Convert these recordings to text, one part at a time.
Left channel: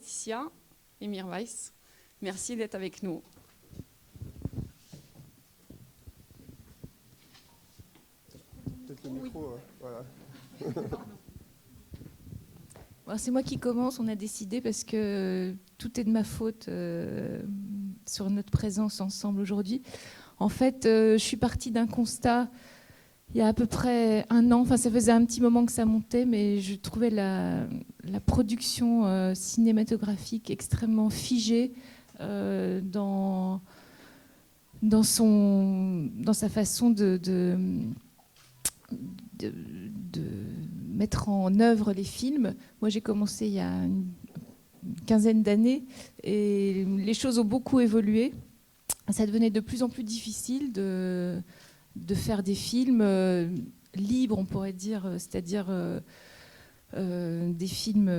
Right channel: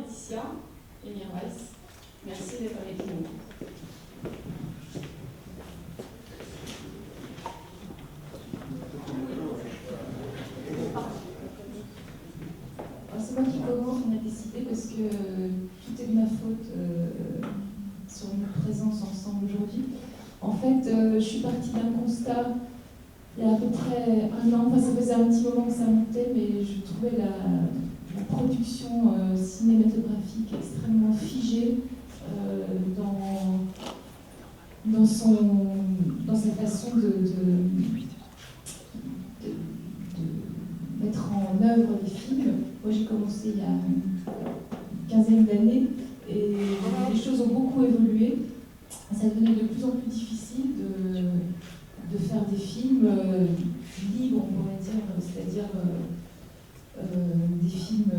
Laetitia et Mirwais, merci d'être avec nous. C'est moi qui commence, on a décidé parce que tout est de ma faute sur notre présence ensemble aujourd'hui. En fait, je suis partie d'un constat il y a à peu près un an, enfin ça faisait un petit moment que ça montait, mais je trouvais la production cinématographique extrêmement figée dans sa façon de mettre en œuvre les films. Moi j'ai commencé il y a une quinzaine d'années et les choses ont beaucoup évolué. Ça devenait de plus en plus difficile de faire des films libres, on pourrait dire, c'est-à-dire des films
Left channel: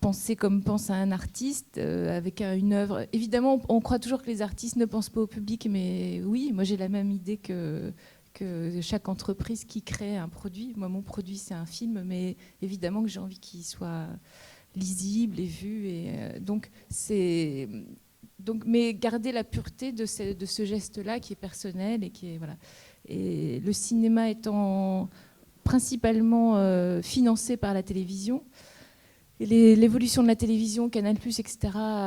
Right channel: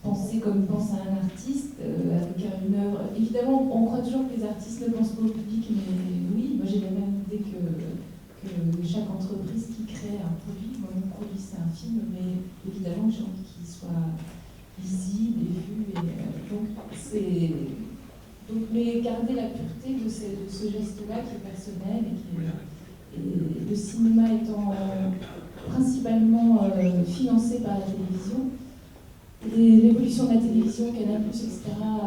pensés comme pense à un artiste, avec une œuvre. Évidemment, on croit toujours que les artistes ne pensent pas au public, mais oui, moi j'ai la même idée que chaque entreprise qui crée un produit. Moi, mon produit, c'est un film, mais évidemment que j'ai envie qu'il soit lisible et vu. Et, mais garder la pureté de ce geste-là qui est personnel et le cinéma étant principalement financé par la télévision. Et l'évolution de la télévision, Canal+, etc., a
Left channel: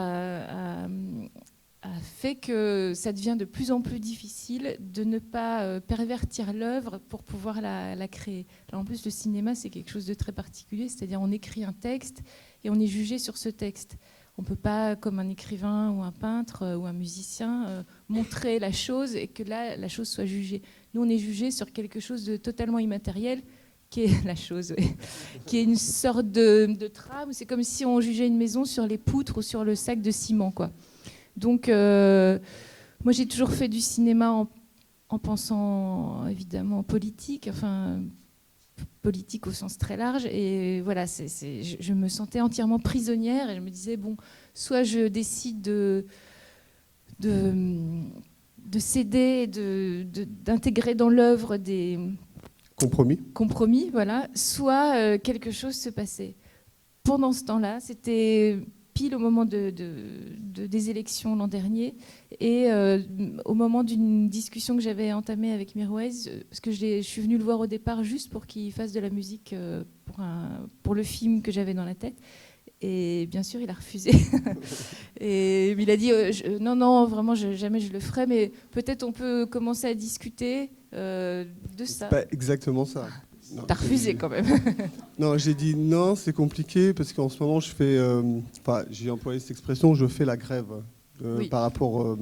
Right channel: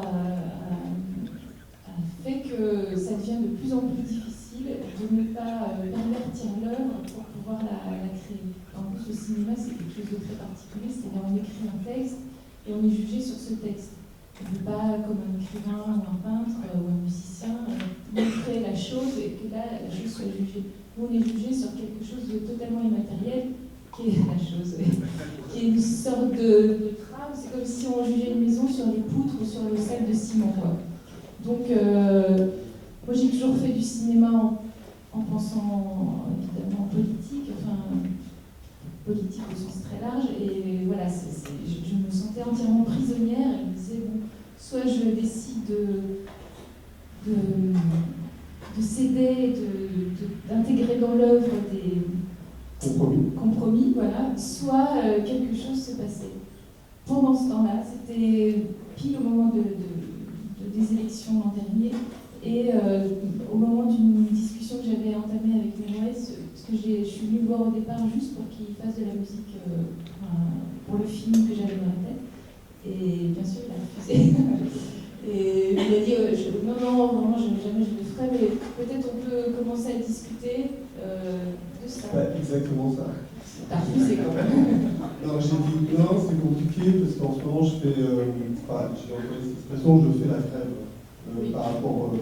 fait que ça devient de plus en plus difficile de ne pas pervertir l'œuvre pour pouvoir la créer. En plus, le cinéma, c'est quelque chose de très particulier, c'est-à-dire on écrit un texte et on est jugé sur ce texte. On ne peut pas, comme un écrivain ou un peintre ou un musicien, montrer la chose et que là, la chose soit jugée. Nous, on est jugé sur quelque chose de totalement immatériel, qui est la chose, qui est une sorte de trame. C'est comme si on jugeait une maison sur les poutres ou sur le sac de ciment, quoi. Donc, moi, j'ai toujours fait du cinéma en pensant, évidemment, politique, enfin, politique au sens très large. Et voilà, je me sentais entièrement prisonnière et je me disais, bon, soit je décide de céder, d'intégrer dans l'œuvre des compromis, voilà, soit quelque chose se passait. Pendant ce temps-là, c'était pile au moment des élections l'an dernier, et au moment d'une discussion que j'avais entamée avec Mirwais, parce que je suis venue le voir au départ juste pour qu'il fasse de la musique pour le film que j'avais dans la tête, et bien sûr il a refusé. Et il a dit non, vraiment, jamais je le ferai, mais peut-être on peut commencer à discuter de ça. Pas exactement ça. T'as refusé quand même. Non, j'ai dit non, c'est compliqué parce qu'en ce moment je fais, j'ai employé cette expression, je fais la crève Oui. par rapport,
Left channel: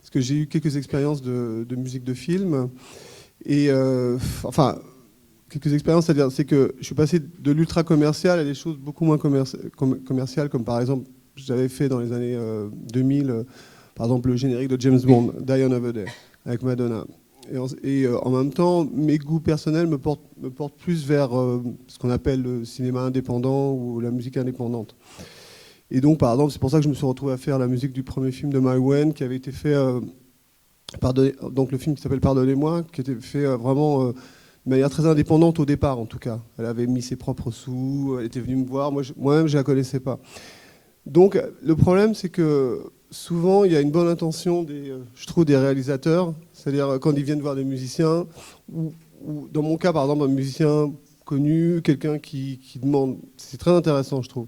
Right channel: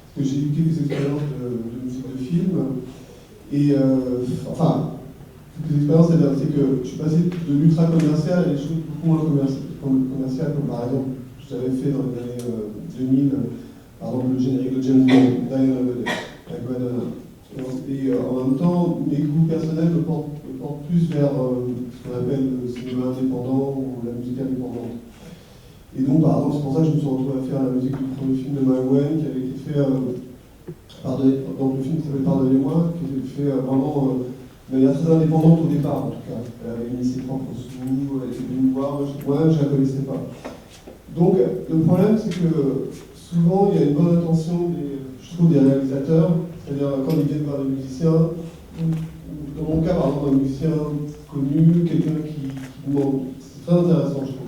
parce que j'ai eu quelques expériences de musique de film et quelques expériences, c'est que je suis passé de l'ultra commercial à des choses beaucoup moins commerciales, comme par exemple, j'avais fait dans les années 2000, par exemple le générique de James Bond, Die Another Day, avec Madonna. Et en même temps, mes goûts personnels me portent plus vers ce qu'on appelle le cinéma indépendant ou la musique indépendante. Et donc, par exemple, c'est pour ça que je me suis retrouvé à faire la musique du premier film de Mai Wen, qui avait été fait, donc le film qui s'appelle Pardonnez-moi, qui était fait vraiment de manière très indépendante au départ, en tout cas. Elle avait mis ses propres sous, elle était venue me voir, moi-même je ne la connaissais pas. Donc, le problème, c'est que souvent, il y a une bonne intention, je trouve, des réalisateurs, c'est-à-dire quand ils viennent voir des musiciens, ou dans mon cas, par exemple, un musicien connu, quelqu'un qui demande, c'est très intéressant, je trouve.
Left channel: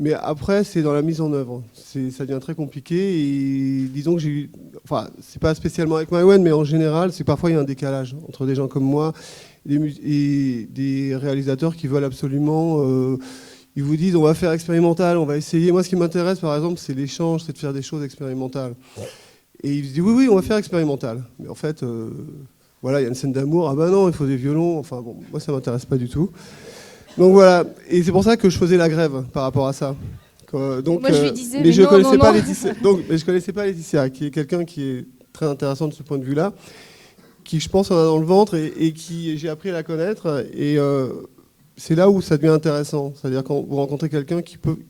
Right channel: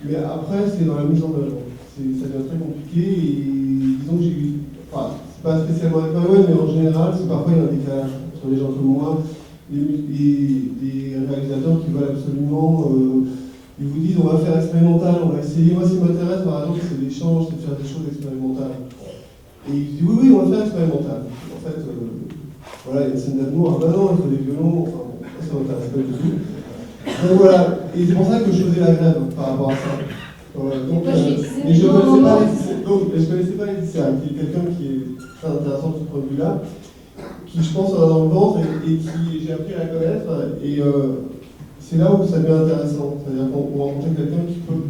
Mais après, c'est dans la mise en œuvre. Ça devient très compliqué, et disons que j'ai eu, enfin, c'est pas spécialement avec Mai Wen, mais en général, c'est parfois il y a un décalage entre des gens comme moi et des réalisateurs qui veulent absolument... ils vous disent on va faire expérimental, on va essayer. Moi ce qui m'intéresse par exemple c'est l'échange, c'est de faire des choses expérimentales. Et ils disent oui on va faire expérimental. En fait voilà il y a une scène d'amour, ah bah non il faut des violons, enfin bon, moi ça m'intéresse pas du tout. Donc voilà, et c'est pour ça que je faisais la grève par rapport à ça. Donc, moi, je lui disais, mais je ne connaissais pas non. Laetitia, mais je connaissais pas Laetitia, qui est quelqu'un qui est très intéressant de ce point de vue-là, qui je pense en a dans le ventre et qui j'ai appris à la connaître. Et c'est là où ça devient intéressant, c'est-à-dire quand vous rencontrez quelqu'un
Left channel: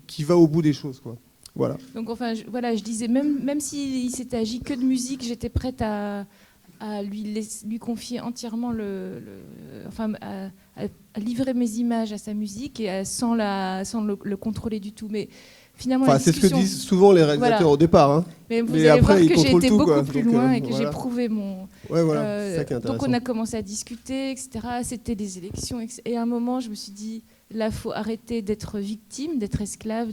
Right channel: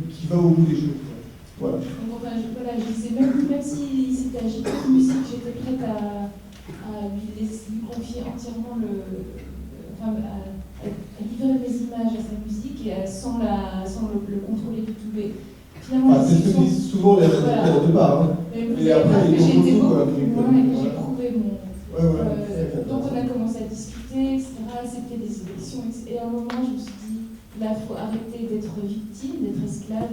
qui va au bout des choses. Quoi. Voilà. Donc enfin, je disais, même s'il s'était agi que de musique, j'étais prête à lui confier entièrement à livrer mes images à sa musique et sans le contrôler du tout. Mais finalement, c'est ce que disent souvent les réalisateurs au départ. Hein. Mais vous allez voir que j'ai été beaucoup plus loin et que j'ai prouvé mon... Ouais, voilà, donc on a commencé à discuter, etc. C'était des élections. Et à un moment, je me suis dit, là, il faut arrêter d'être victime, d'être esclave.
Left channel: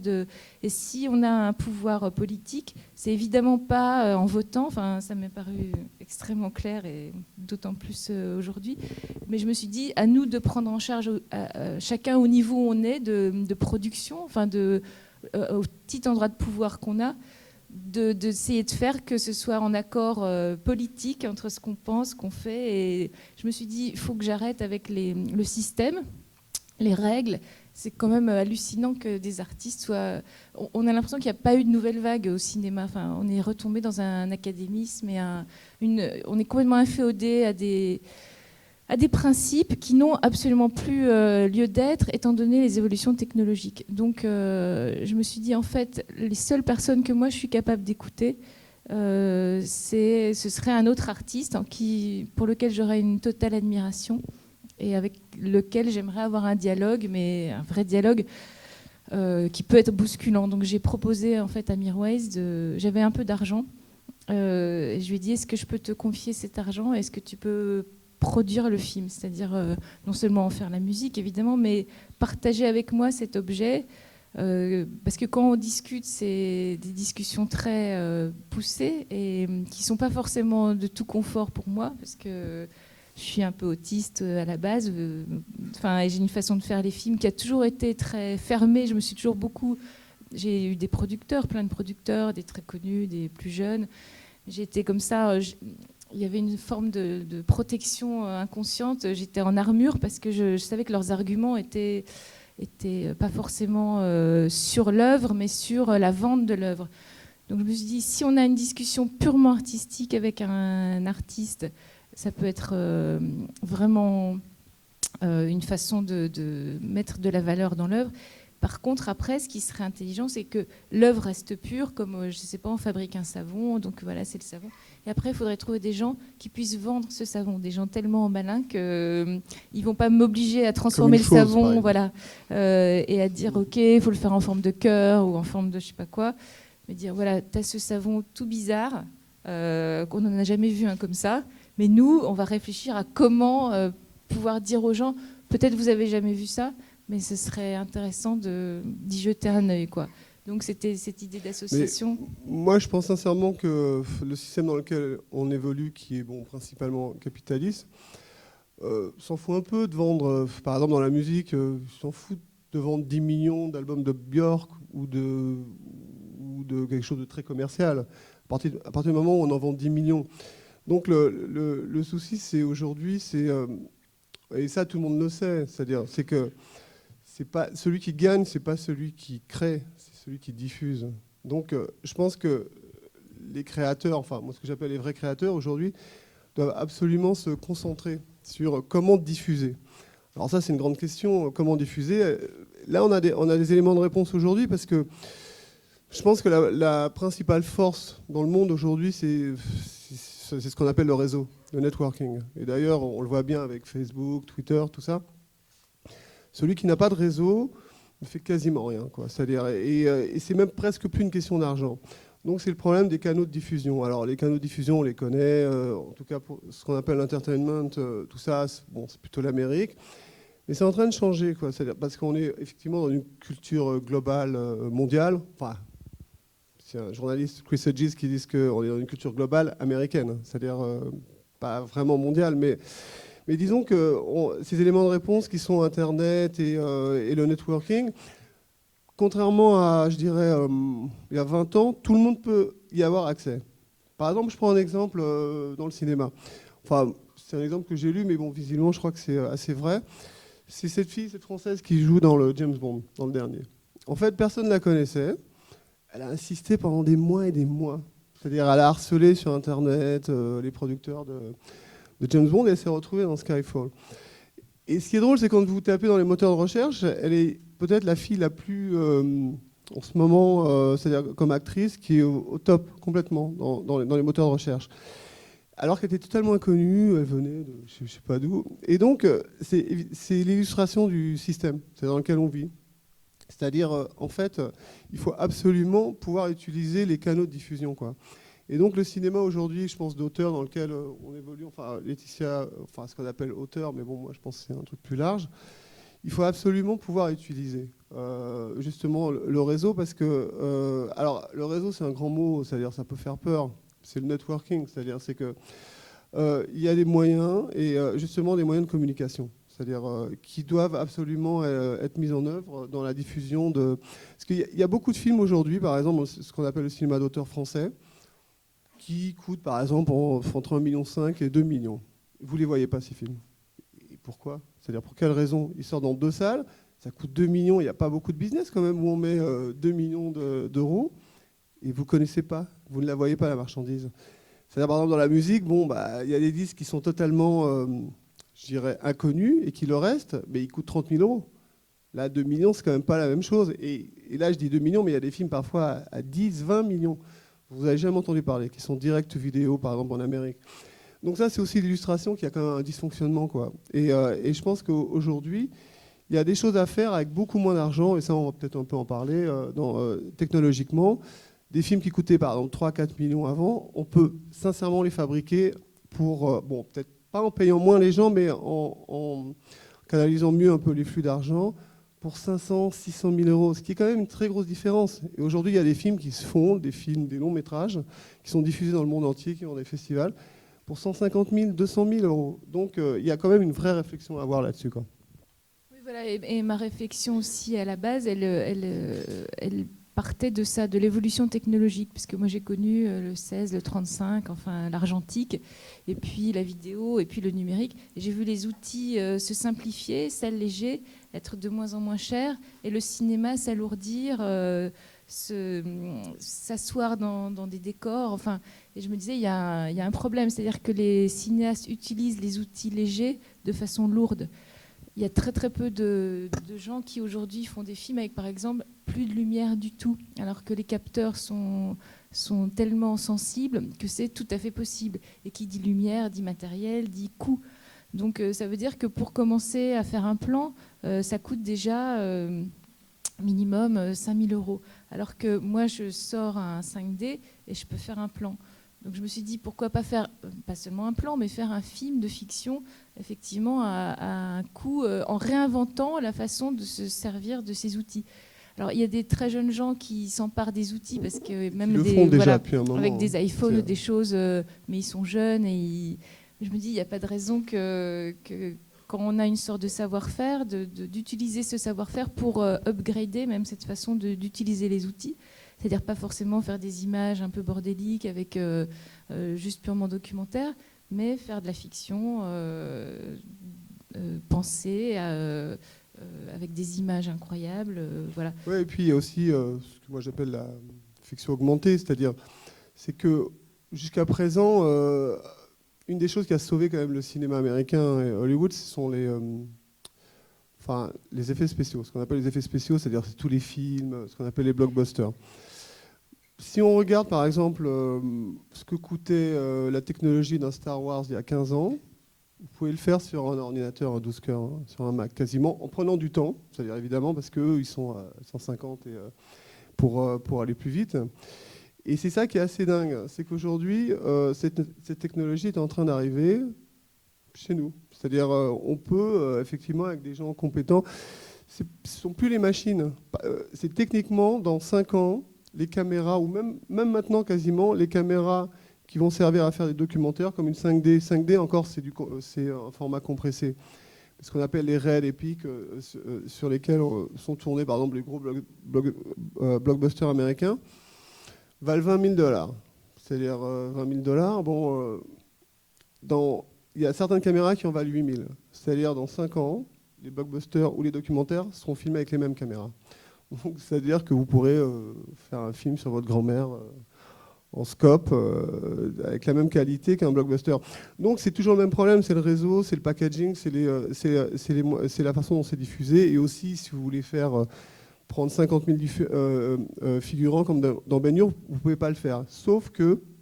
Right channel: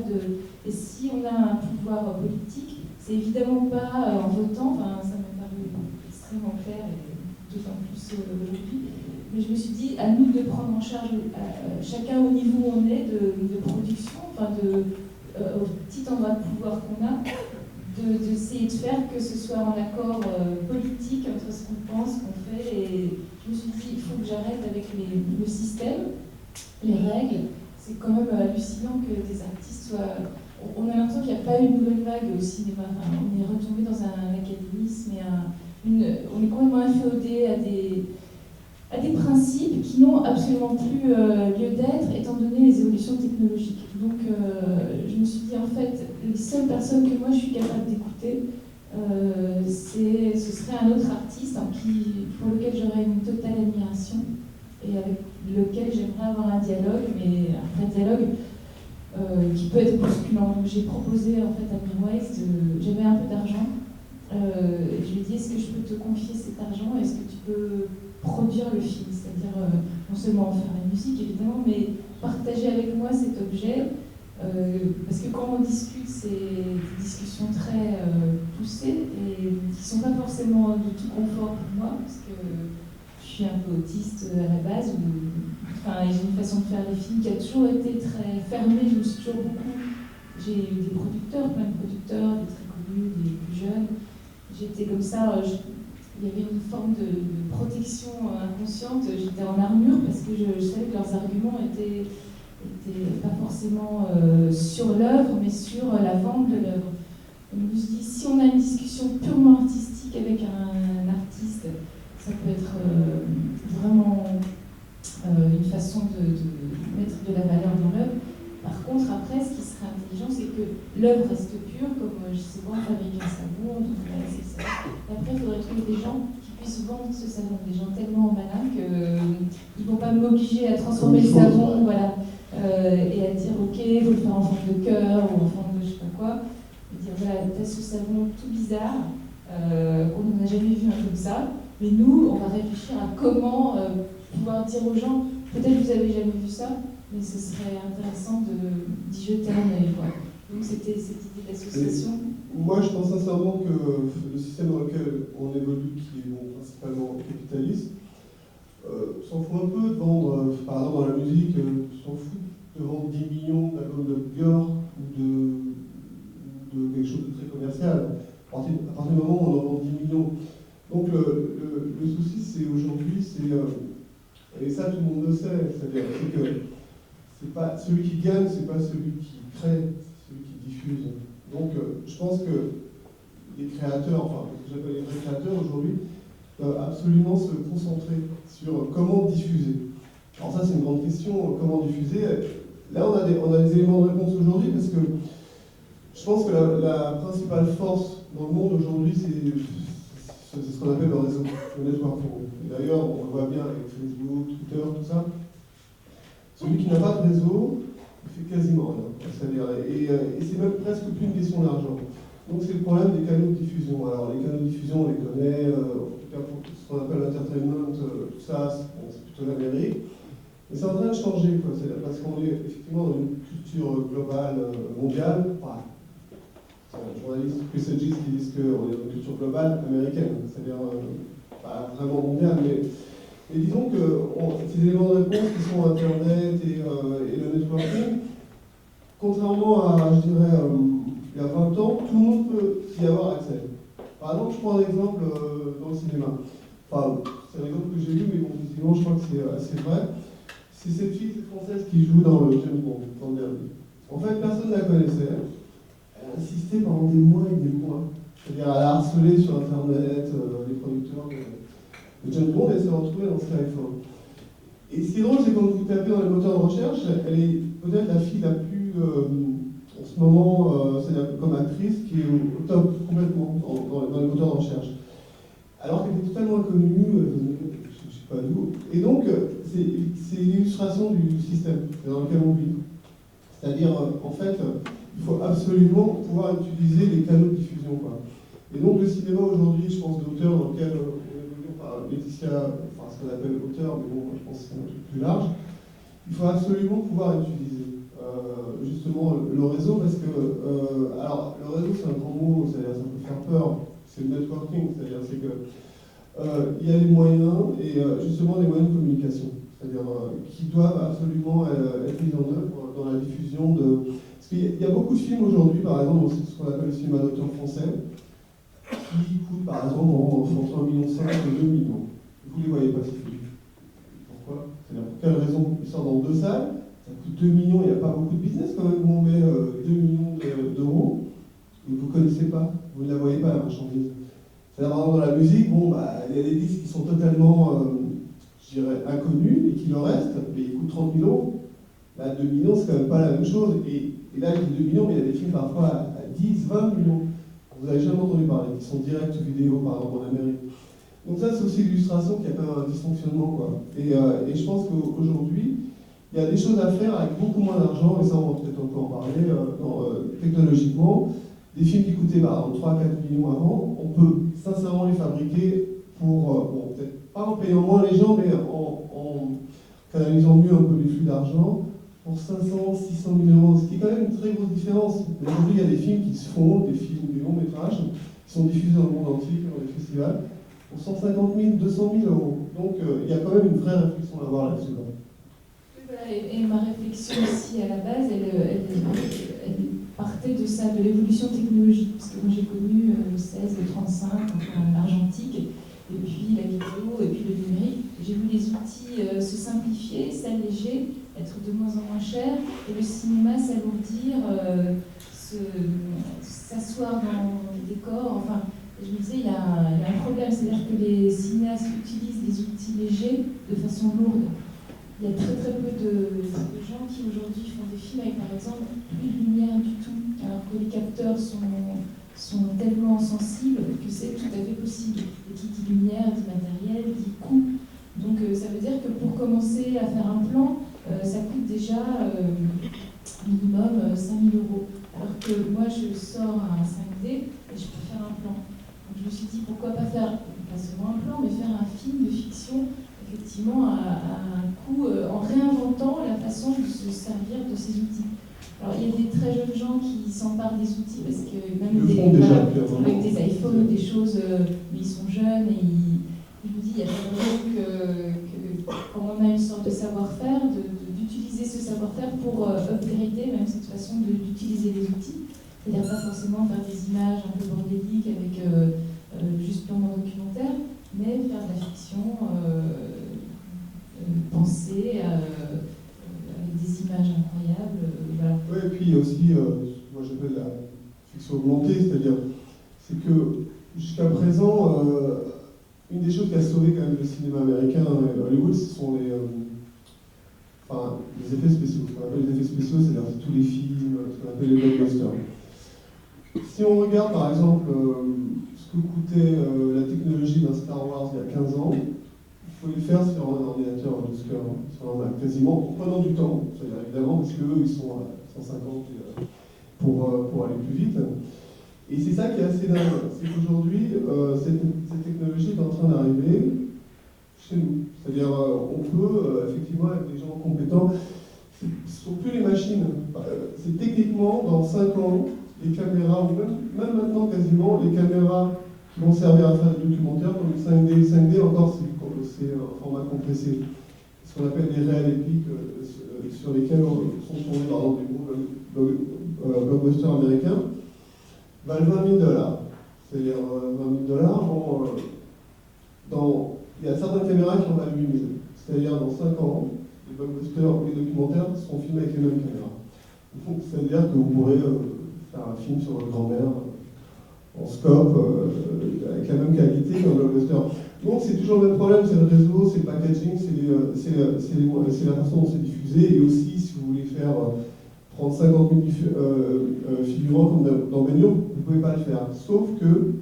Et si on a un pouvoir politique, c'est évidemment pas en votant. Enfin, ça m'est paru extrêmement clair et d'autant plus aujourd'hui. Mais je me suis dit, à nous de prendre en charge, chacun au niveau où on est, de production, enfin au petit endroit de pouvoir qu'on a, d'essayer de faire que ce soit en accord politique entre ce qu'on pense, qu'on fait. Et je me suis dit, il faut que j'arrête avec le système, les règles. C'est quand même hallucinant que des artistes soient... On a l'impression qu'il n'y a pas eu de nouvelle vague au cinéma. Enfin, on est retombé dans un académisme et on est complètement inféodé à des principes qui n'ont absolument plus lieu d'être étant donné les évolutions technologiques. Donc je me suis dit, en fait, les seules personnes que moi je suis capable d'écouter, ce serait un autre artiste pour lequel j'aurais une totale admiration et avec lequel j'aimerais avoir un dialogue, mais un vrai dialogue qui peut être bousculant. Donc j'ai proposé en fait à Mirwais, j'avais un peu d'argent, je lui ai dit, est-ce que je peux te confier cet argent, est-ce que tu peux produire le film, c'est-à-dire non seulement en faire la musique évidemment, mais partager avec moi cet objet, parce que quand on discute, c'est des discussions très poussées et qui sont pas forcément de tout confort pour moi, parce que je suis un peu autiste à la base, et j'ai une façon de faire les films qui a toujours été très fermée. J'ai eu des producteurs, plein de producteurs, des très connus, des plus jeunes. J'ai été comme ça. Il y avait une forme de protection inconsciente. J'étais en armure parce que je savais que leurs arguments étaient pas forcément sur l'œuvre, mais sur la vente de l'œuvre. Donc je me suis dit, si on a une discussion purement artistique avec un artiste, ça peut être vraiment une façon de mettre de la valeur dans l'œuvre. Par contre, après, ce qui serait intelligent, c'est que l'œuvre reste pure, comme, je sais pas, on fabrique un savon, donc voilà, c'est le savon. Et après, il faudrait trouver des gens qui puissent vendre ce savon, des gens tellement malins qu'ils vont pas m'obliger à transformer le savon, voilà, et à dire, ok, il faut le faire en forme de cœur ou en forme de je sais pas quoi, et dire, voilà, t'as ce savon tout bizarre, qu'on n'en a jamais vu un comme ça, mais nous, on va réfléchir à comment pouvoir dire aux gens, peut-être vous avez jamais vu ça, mais ce serait intéressant d'y jeter un œil, quoi. Donc c'était cette idée d'association. Moi, je pense sincèrement que le système dans lequel on évolue, qui est principalement capitaliste, s'en fout un peu de vendre, par exemple dans la musique, s'en fout de vendre 10 millions d'albums de Björk ou de quelque chose de très commercial, à partir du moment où on en vend 10 millions. Donc le souci, c'est aujourd'hui, et ça tout le monde le sait, c'est que c'est pas celui qui gagne, c'est pas celui qui crée, c'est celui qui diffuse. Donc je pense que les créateurs, enfin ce que j'appelle les vrais créateurs aujourd'hui, doivent absolument se concentrer sur comment diffuser. Alors ça c'est une grande question, comment diffuser. Là on a des éléments de réponse aujourd'hui parce que je pense que la principale force dans le monde aujourd'hui c'est ce qu'on appelle le réseau, le networking. Et d'ailleurs on le voit bien avec Facebook, Twitter, tout ça. Celui qui n'a pas de réseau, il fait quasiment rien, quoi. C'est-à-dire, et c'est même presque plus une question d'argent. Donc c'est le problème des canaux de diffusion. Alors les canaux de diffusion, on les connaît, en tout cas pour ce qu'on appelle l'entertainment, tout ça, c'est plutôt l'Amérique. Mais c'est en train de changer, quoi. C'est-à-dire parce qu'on est effectivement dans une culture globale, mondiale. Enfin, c'est un journaliste, Chris Hedges, qui dit qu'on est dans une culture globale américaine. C'est-à-dire pas vraiment mondiale, mais disons que ces éléments de réponse qui sont Internet et le networking, contrairement à, je dirais, il y a 20 ans, tout le monde peut y avoir accès. Par exemple, je prends un exemple dans le cinéma. Enfin, c'est un exemple que j'ai lu, mais bon, visiblement, je crois que c'est assez vrai. C'est cette fille, cette française qui joue dans le James Bond, dans le dernier. En fait, personne ne la connaissait. Elle a insisté pendant des mois et des mois. C'est-à-dire, elle a harcelé sur Internet les producteurs de James Bond et elle s'est retrouvée dans Skyfall. Et ce qui est drôle, c'est quand vous tapez dans les moteurs de recherche, elle est peut-être la fille la plus, en ce moment, c'est-à-dire comme actrice, qui est au top complètement dans les moteurs de recherche. Alors qu'elle était totalement inconnue, elle venait, je ne sais pas d'où. Et donc, c'est l'illustration du système dans lequel on vit. C'est-à-dire, en fait, il faut absolument pouvoir utiliser les canaux de diffusion, quoi. Et donc, le cinéma aujourd'hui, je pense, d'auteur dans lequel on évolue, enfin, Laetitia, enfin, ce qu'on appelle auteur, mais bon, moi, je pense que c'est un truc plus large, il faut absolument pouvoir utiliser justement le réseau, parce que, alors, le réseau, c'est un grand mot, c'est-à-dire, ça peut faire peur, c'est le networking, c'est-à-dire, c'est que il y a des moyens, et justement des moyens de communication, c'est-à-dire qui doivent absolument être mis en œuvre dans la diffusion de... Parce qu'il y a beaucoup de films aujourd'hui, par exemple, ce qu'on appelle le cinéma d'auteur français, qui coûtent, par exemple, entre 1,5 million et 2 millions. Vous ne les voyez pas, ces films. Pourquoi? C'est-à-dire, pour quelle raison? Ils sortent dans 2 salles, ça coûte 2 millions, il n'y a pas beaucoup de business quand même, où on met 2 millions d'euros, et vous ne connaissez pas, vous ne la voyez pas, la marchandise. C'est-à-dire, par exemple, dans la musique, bon, bah, y a des disques qui sont totalement, je dirais, inconnus, et qui le restent, mais ils coûtent 30 000 euros. Là, 2 millions, c'est quand même pas la même chose. Et là, je dis 2 millions, mais il y a des films parfois à 10, 20 millions. Vous n'avez jamais entendu parler, qui sont direct vidéo, par exemple, en Amérique. Donc ça, c'est aussi l'illustration qu'il y a quand même un dysfonctionnement, quoi. Et je pense qu'aujourd'hui, il y a des choses à faire avec beaucoup moins d'argent, et ça, on va peut-être un peu en parler, technologiquement. Des films qui coûtaient par exemple 3-4 millions avant, on peut sincèrement les fabriquer pour, bon, peut-être pas en payant moins les gens, mais en canalisant mieux un peu les flux d'argent, pour 500, 600 000 euros, ce qui est quand même une très grosse différence. Et aujourd'hui, il y a des films qui se font, des films, des longs métrages, qui sont diffusés dans le monde entier, qui ont des festivals, pour 150 000, 200 000 euros. Donc il y a quand même une vraie réflexion à avoir là-dessus, quand même. Voilà, et ma réflexion aussi à la base, elle partait de ça, de l'évolution technologique, parce que moi j'ai connu le 16, le 35, enfin l'argentique, et puis la vidéo, et puis le numérique. J'ai vu les outils se simplifier, s'alléger, être de moins en moins chers, et le cinéma s'alourdir, s'asseoir dans des décors, enfin... Et je me disais, il y a un problème, c'est-à-dire que les cinéastes utilisent les outils légers de façon lourde. Il y a très très peu de gens qui aujourd'hui font des films avec par exemple plus de lumière du tout, alors que les capteurs sont tellement sensibles que c'est tout à fait possible. Et qui dit lumière, dit matériel, dit coût. Donc ça veut dire que pour commencer à faire un plan, ça coûte déjà minimum 5 000 euros. Alors que moi je sors un 5D et je peux faire un plan. Donc je me suis dit pourquoi pas faire, pas seulement un plan, mais faire un film de fiction effectivement à un coût, en réinventant la façon de se servir de ces outils. Alors il y a des très jeunes gens qui s'emparent des outils parce que même avec des iPhones, des choses, mais ils sont jeunes et je me dis il n'y a pas de raison que quand on a une sorte de savoir-faire, d'utiliser ce savoir-faire pour upgrader même cette façon d'utiliser les outils. C'est-à-dire pas forcément faire des images un peu bordéliques avec juste purement documentaire, mais faire de la fiction pensée avec des images incroyables. Voilà. Oui, et puis il y a aussi, moi j'appelle la fiction augmentée, c'est-à-dire c'est que jusqu'à présent, une des choses qui a sauvé quand même le cinéma américain et Hollywood, ce sont les effets spéciaux. Ce qu'on appelle les effets spéciaux, c'est-à-dire c'est tous les films, ce qu'on appelle les blockbusters. Si on regarde par exemple ce que coûtait la technologie d'un Star Wars il y a 15 ans, vous pouvez le faire sur un ordinateur à 12 cœurs, sur un Mac quasiment, en prenant du temps, c'est-à-dire évidemment parce qu'eux ils sont à 150 pour aller plus vite. Et c'est ça qui est assez dingue, c'est qu'aujourd'hui cette technologie est en train d'arriver chez nous. C'est-à-dire on peut effectivement avec des gens compétents, ce ne sont plus les machines, c'est techniquement dans 5 ans, les caméras, ou même maintenant quasiment, les caméras qui vont servir à faire des documentaires comme le 5D. 5D encore, c'est un format compressé. Ce qu'on appelle les réels épiques sur lesquels sont tournés par exemple les gros blockbusters américains, valent 20 000 $. C'est-à-dire 20 000 $, bon, il y a certaines caméras qui en valent 8 000. C'est-à-dire dans 5 ans, les les blockbusters ou les documentaires seront filmés avec les mêmes caméras. C'est-à-dire que vous pourrez faire un film sur votre grand-mère en scope, avec la même qualité qu'un blockbuster. Donc c'est toujours le même problème, c'est le réseau, c'est le packaging, c'est la façon dont c'est diffusé, et aussi si vous voulez faire prendre 50 000 figurants comme dans Ben Hur, vous ne pouvez pas le faire. Sauf que,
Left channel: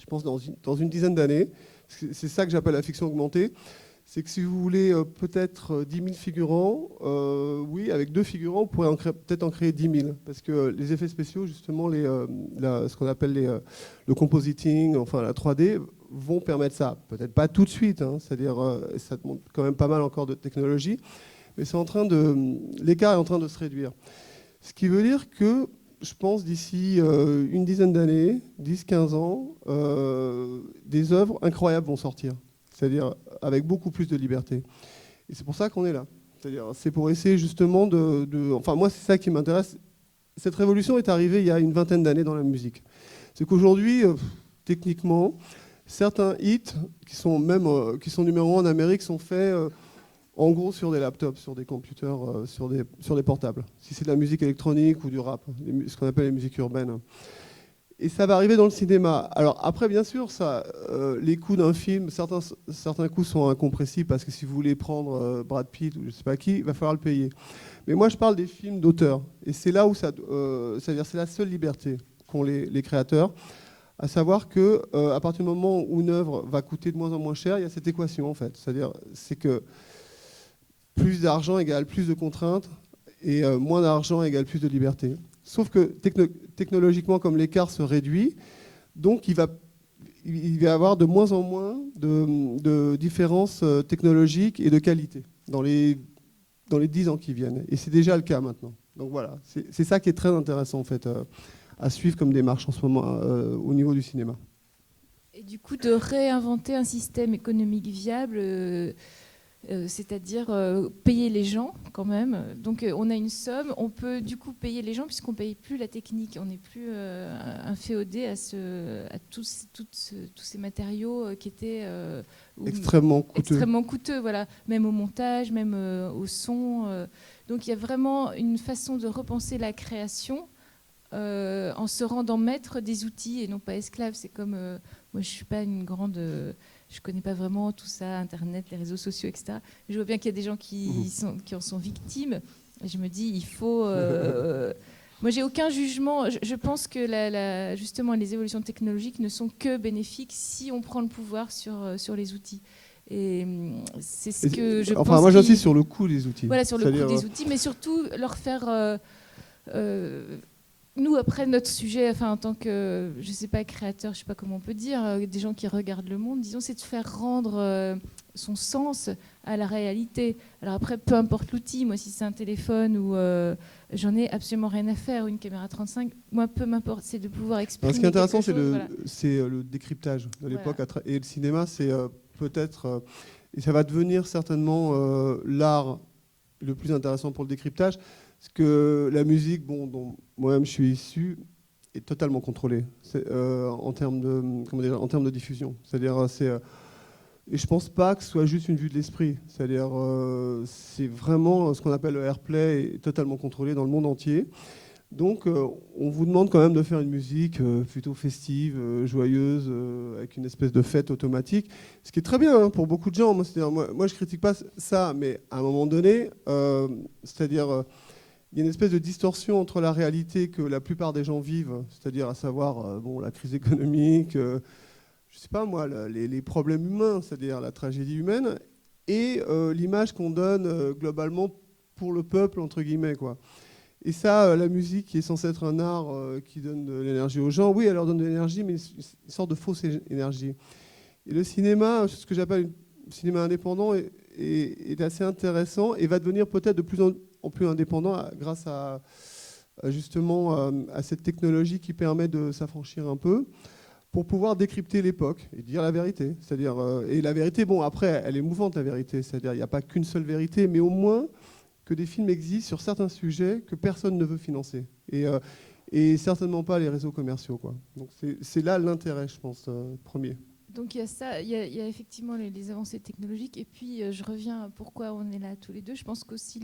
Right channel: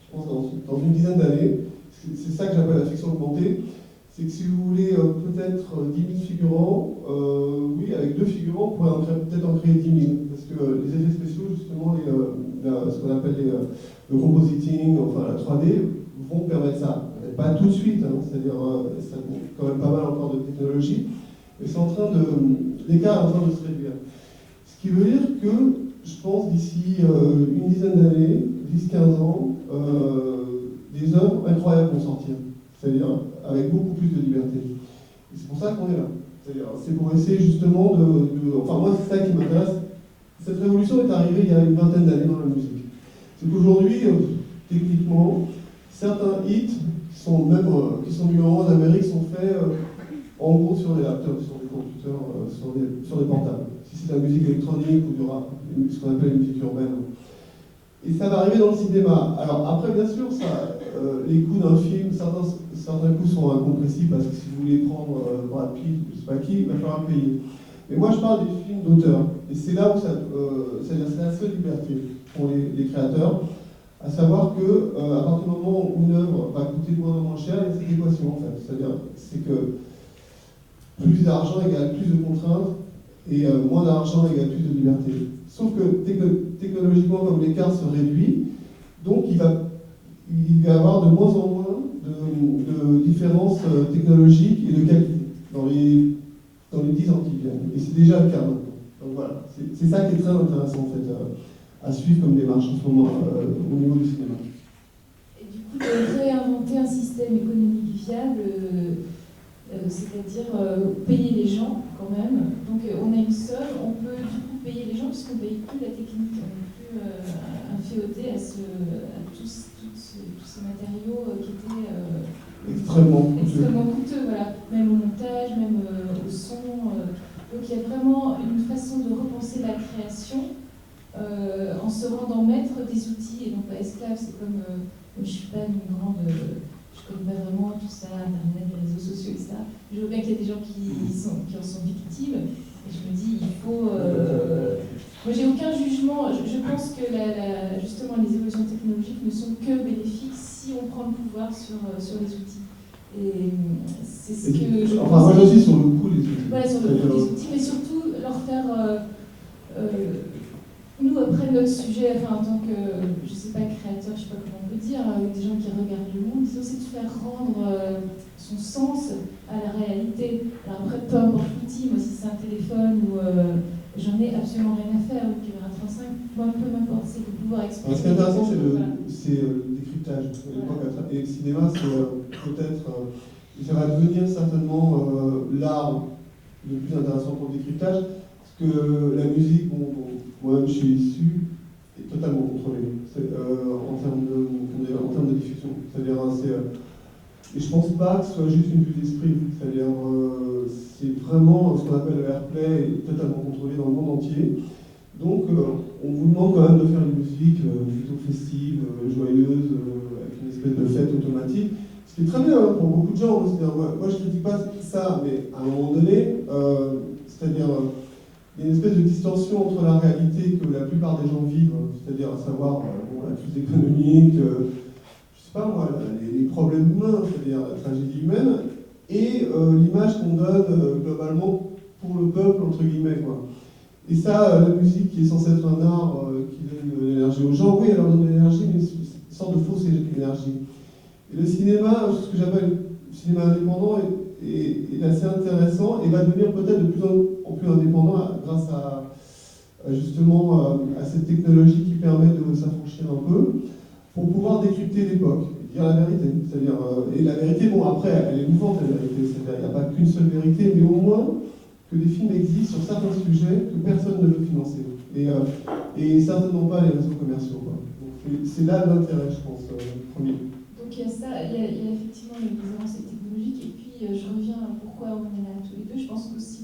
je pense dans une dizaine d'années, c'est ça que j'appelle la fiction augmentée, c'est que si vous voulez peut-être 10 000 figurants, oui, avec 2 figurants, vous pourrez peut-être en créer 10 000. Parce que les effets spéciaux, justement, ce qu'on appelle le compositing, enfin la 3D, vont permettre ça. Peut-être pas tout de suite, hein, c'est-à-dire ça demande quand même pas mal encore de technologie, mais l'écart est en train de se réduire. Ce qui veut dire que, je pense, d'ici une dizaine d'années, 10-15 ans, des œuvres incroyables vont sortir. C'est-à-dire avec beaucoup plus de liberté. Et c'est pour ça qu'on est là. C'est-à-dire, c'est pour essayer justement enfin moi c'est ça qui m'intéresse. Cette révolution est arrivée il y a une vingtaine d'années dans la musique. C'est qu'aujourd'hui, techniquement, certains hits qui sont numéro 1 d'Amérique sont faits en gros sur des laptops, sur des computers, sur des portables. Si c'est de la musique électronique ou du rap, ce qu'on appelle les musiques urbaines. Et ça va arriver dans le cinéma. Alors après, bien sûr, les coûts d'un film, certains coûts sont incompressibles parce que si vous voulez prendre Brad Pitt, je ne sais pas qui, il va falloir le payer. Mais moi, je parle des films d'auteur. Et c'est là où c'est-à-dire c'est la seule liberté qu'ont les créateurs, à savoir que à partir du moment où une œuvre va coûter de moins en moins cher, il y a cette équation en fait. C'est-à-dire que plus d'argent égale plus de contraintes, et moins d'argent égale plus de liberté. Sauf que technologiquement, comme l'écart se réduit, donc il va y avoir de moins en moins de différences technologiques et de qualité dans les 10 ans qui viennent. Et c'est déjà le cas maintenant. Donc voilà, c'est ça qui est très intéressant en fait à suivre comme démarche en ce moment au niveau du cinéma. Et du coup, de réinventer un système économique viable, c'est-à-dire payer les gens quand même. Donc on a une somme, on peut du coup payer les gens puisqu'on ne paye plus la technique, on n'est plus inféodé à tous ces matériaux qui étaient extrêmement coûteux, voilà, même au montage, même au son. Donc il y a vraiment une façon de repenser la création en se rendant maître des outils et non pas esclave. C'est comme, moi je ne suis pas une grande... je ne connais pas vraiment tout ça, Internet, les réseaux sociaux, etc. Je vois bien qu'il y a des gens qui en sont victimes. Et je me dis, il faut... Moi, j'ai aucun jugement. Je pense que justement, les évolutions technologiques ne sont que bénéfiques si on prend le pouvoir sur les outils. Et c'est ce que je pense. Enfin, moi, j'insiste sur le coût des outils. Voilà, sur le coût des outils, mais surtout leur faire... nous, après notre sujet, enfin, en tant que, je sais pas, créateur, je sais pas comment on peut dire, des gens qui regardent le monde, disons, c'est de faire rendre son sens à la réalité. Alors après, peu importe l'outil, moi, si c'est un téléphone ou j'en ai absolument rien à faire, une caméra 35, moi, peu m'importe, c'est de pouvoir exprimer. Ce qui est intéressant, voilà. c'est le décryptage de l'époque. Voilà. Et le cinéma, c'est peut-être, ça va devenir certainement l'art le plus intéressant pour le décryptage. Parce que la musique, dont moi-même je suis issu, est totalement contrôlée en termes de diffusion. C'est-à-dire, et je pense pas que ce soit juste une vue d'esprit. C'est-à-dire, c'est vraiment ce qu'on appelle le airplay, est totalement contrôlé dans le monde entier. Donc, on vous demande quand même de faire une musique plutôt festive, joyeuse, avec une espèce de fête automatique. Ce qui est très bien hein, pour beaucoup de gens. C'est-à-dire, moi, je critique pas ça, mais à un moment donné, c'est-à-dire... il y a une espèce de distorsion entre la réalité que la plupart des gens vivent, c'est-à-dire à savoir la crise économique, je sais pas moi, les problèmes humains, c'est-à-dire la tragédie humaine, et l'image qu'on donne globalement pour le peuple, entre guillemets, quoi. Et ça, la musique qui est censée être un art qui donne de l'énergie aux gens, oui, elle leur donne de l'énergie, mais une sorte de fausse énergie. Et le cinéma, ce que j'appelle le cinéma indépendant, est assez intéressant et va devenir peut-être de plus en plus indépendant grâce justement à cette technologie qui permet de s'affranchir un peu pour pouvoir décrypter l'époque et dire la vérité. C'est-à-dire, et la vérité, bon après, elle est mouvante la vérité, c'est-à-dire il n'y a pas qu'une seule vérité, mais au moins que des films existent sur certains sujets que personne ne veut financer. Et certainement pas les réseaux commerciaux. Quoi. Donc c'est là l'intérêt, je pense, premier. Donc donc il y a ça, il y a effectivement les avancées technologiques, et puis je reviens à pourquoi on est là tous les deux. Je pense qu'aussi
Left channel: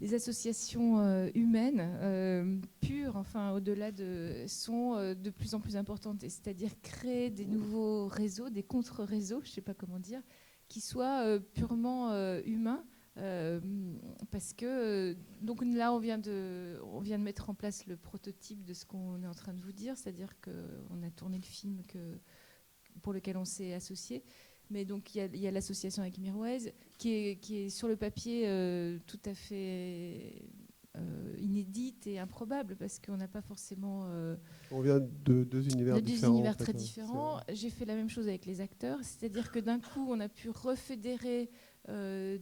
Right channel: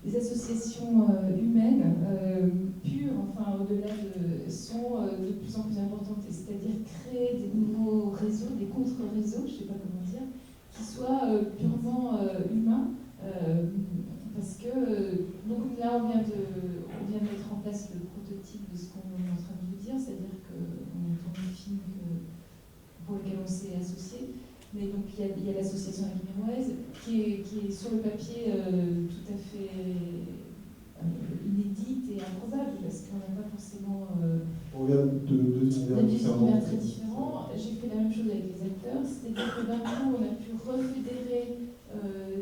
les associations humaines pures, enfin au-delà sont de plus en plus importantes, c'est-à-dire créer des nouveaux réseaux, des contre-réseaux, je ne sais pas comment dire, qui soient purement humains, parce que donc là on vient de mettre en place le prototype de ce qu'on est en train de vous dire, c'est-à-dire qu'on a tourné le film pour lequel on s'est associé. Mais donc il y a l'association avec Mirwais qui est sur le papier tout à fait inédite et improbable, parce qu'on n'a pas forcément... On vient de deux univers différents. Deux univers très différents. J'ai fait la même chose avec les acteurs, c'est-à-dire que d'un coup on a pu refédérer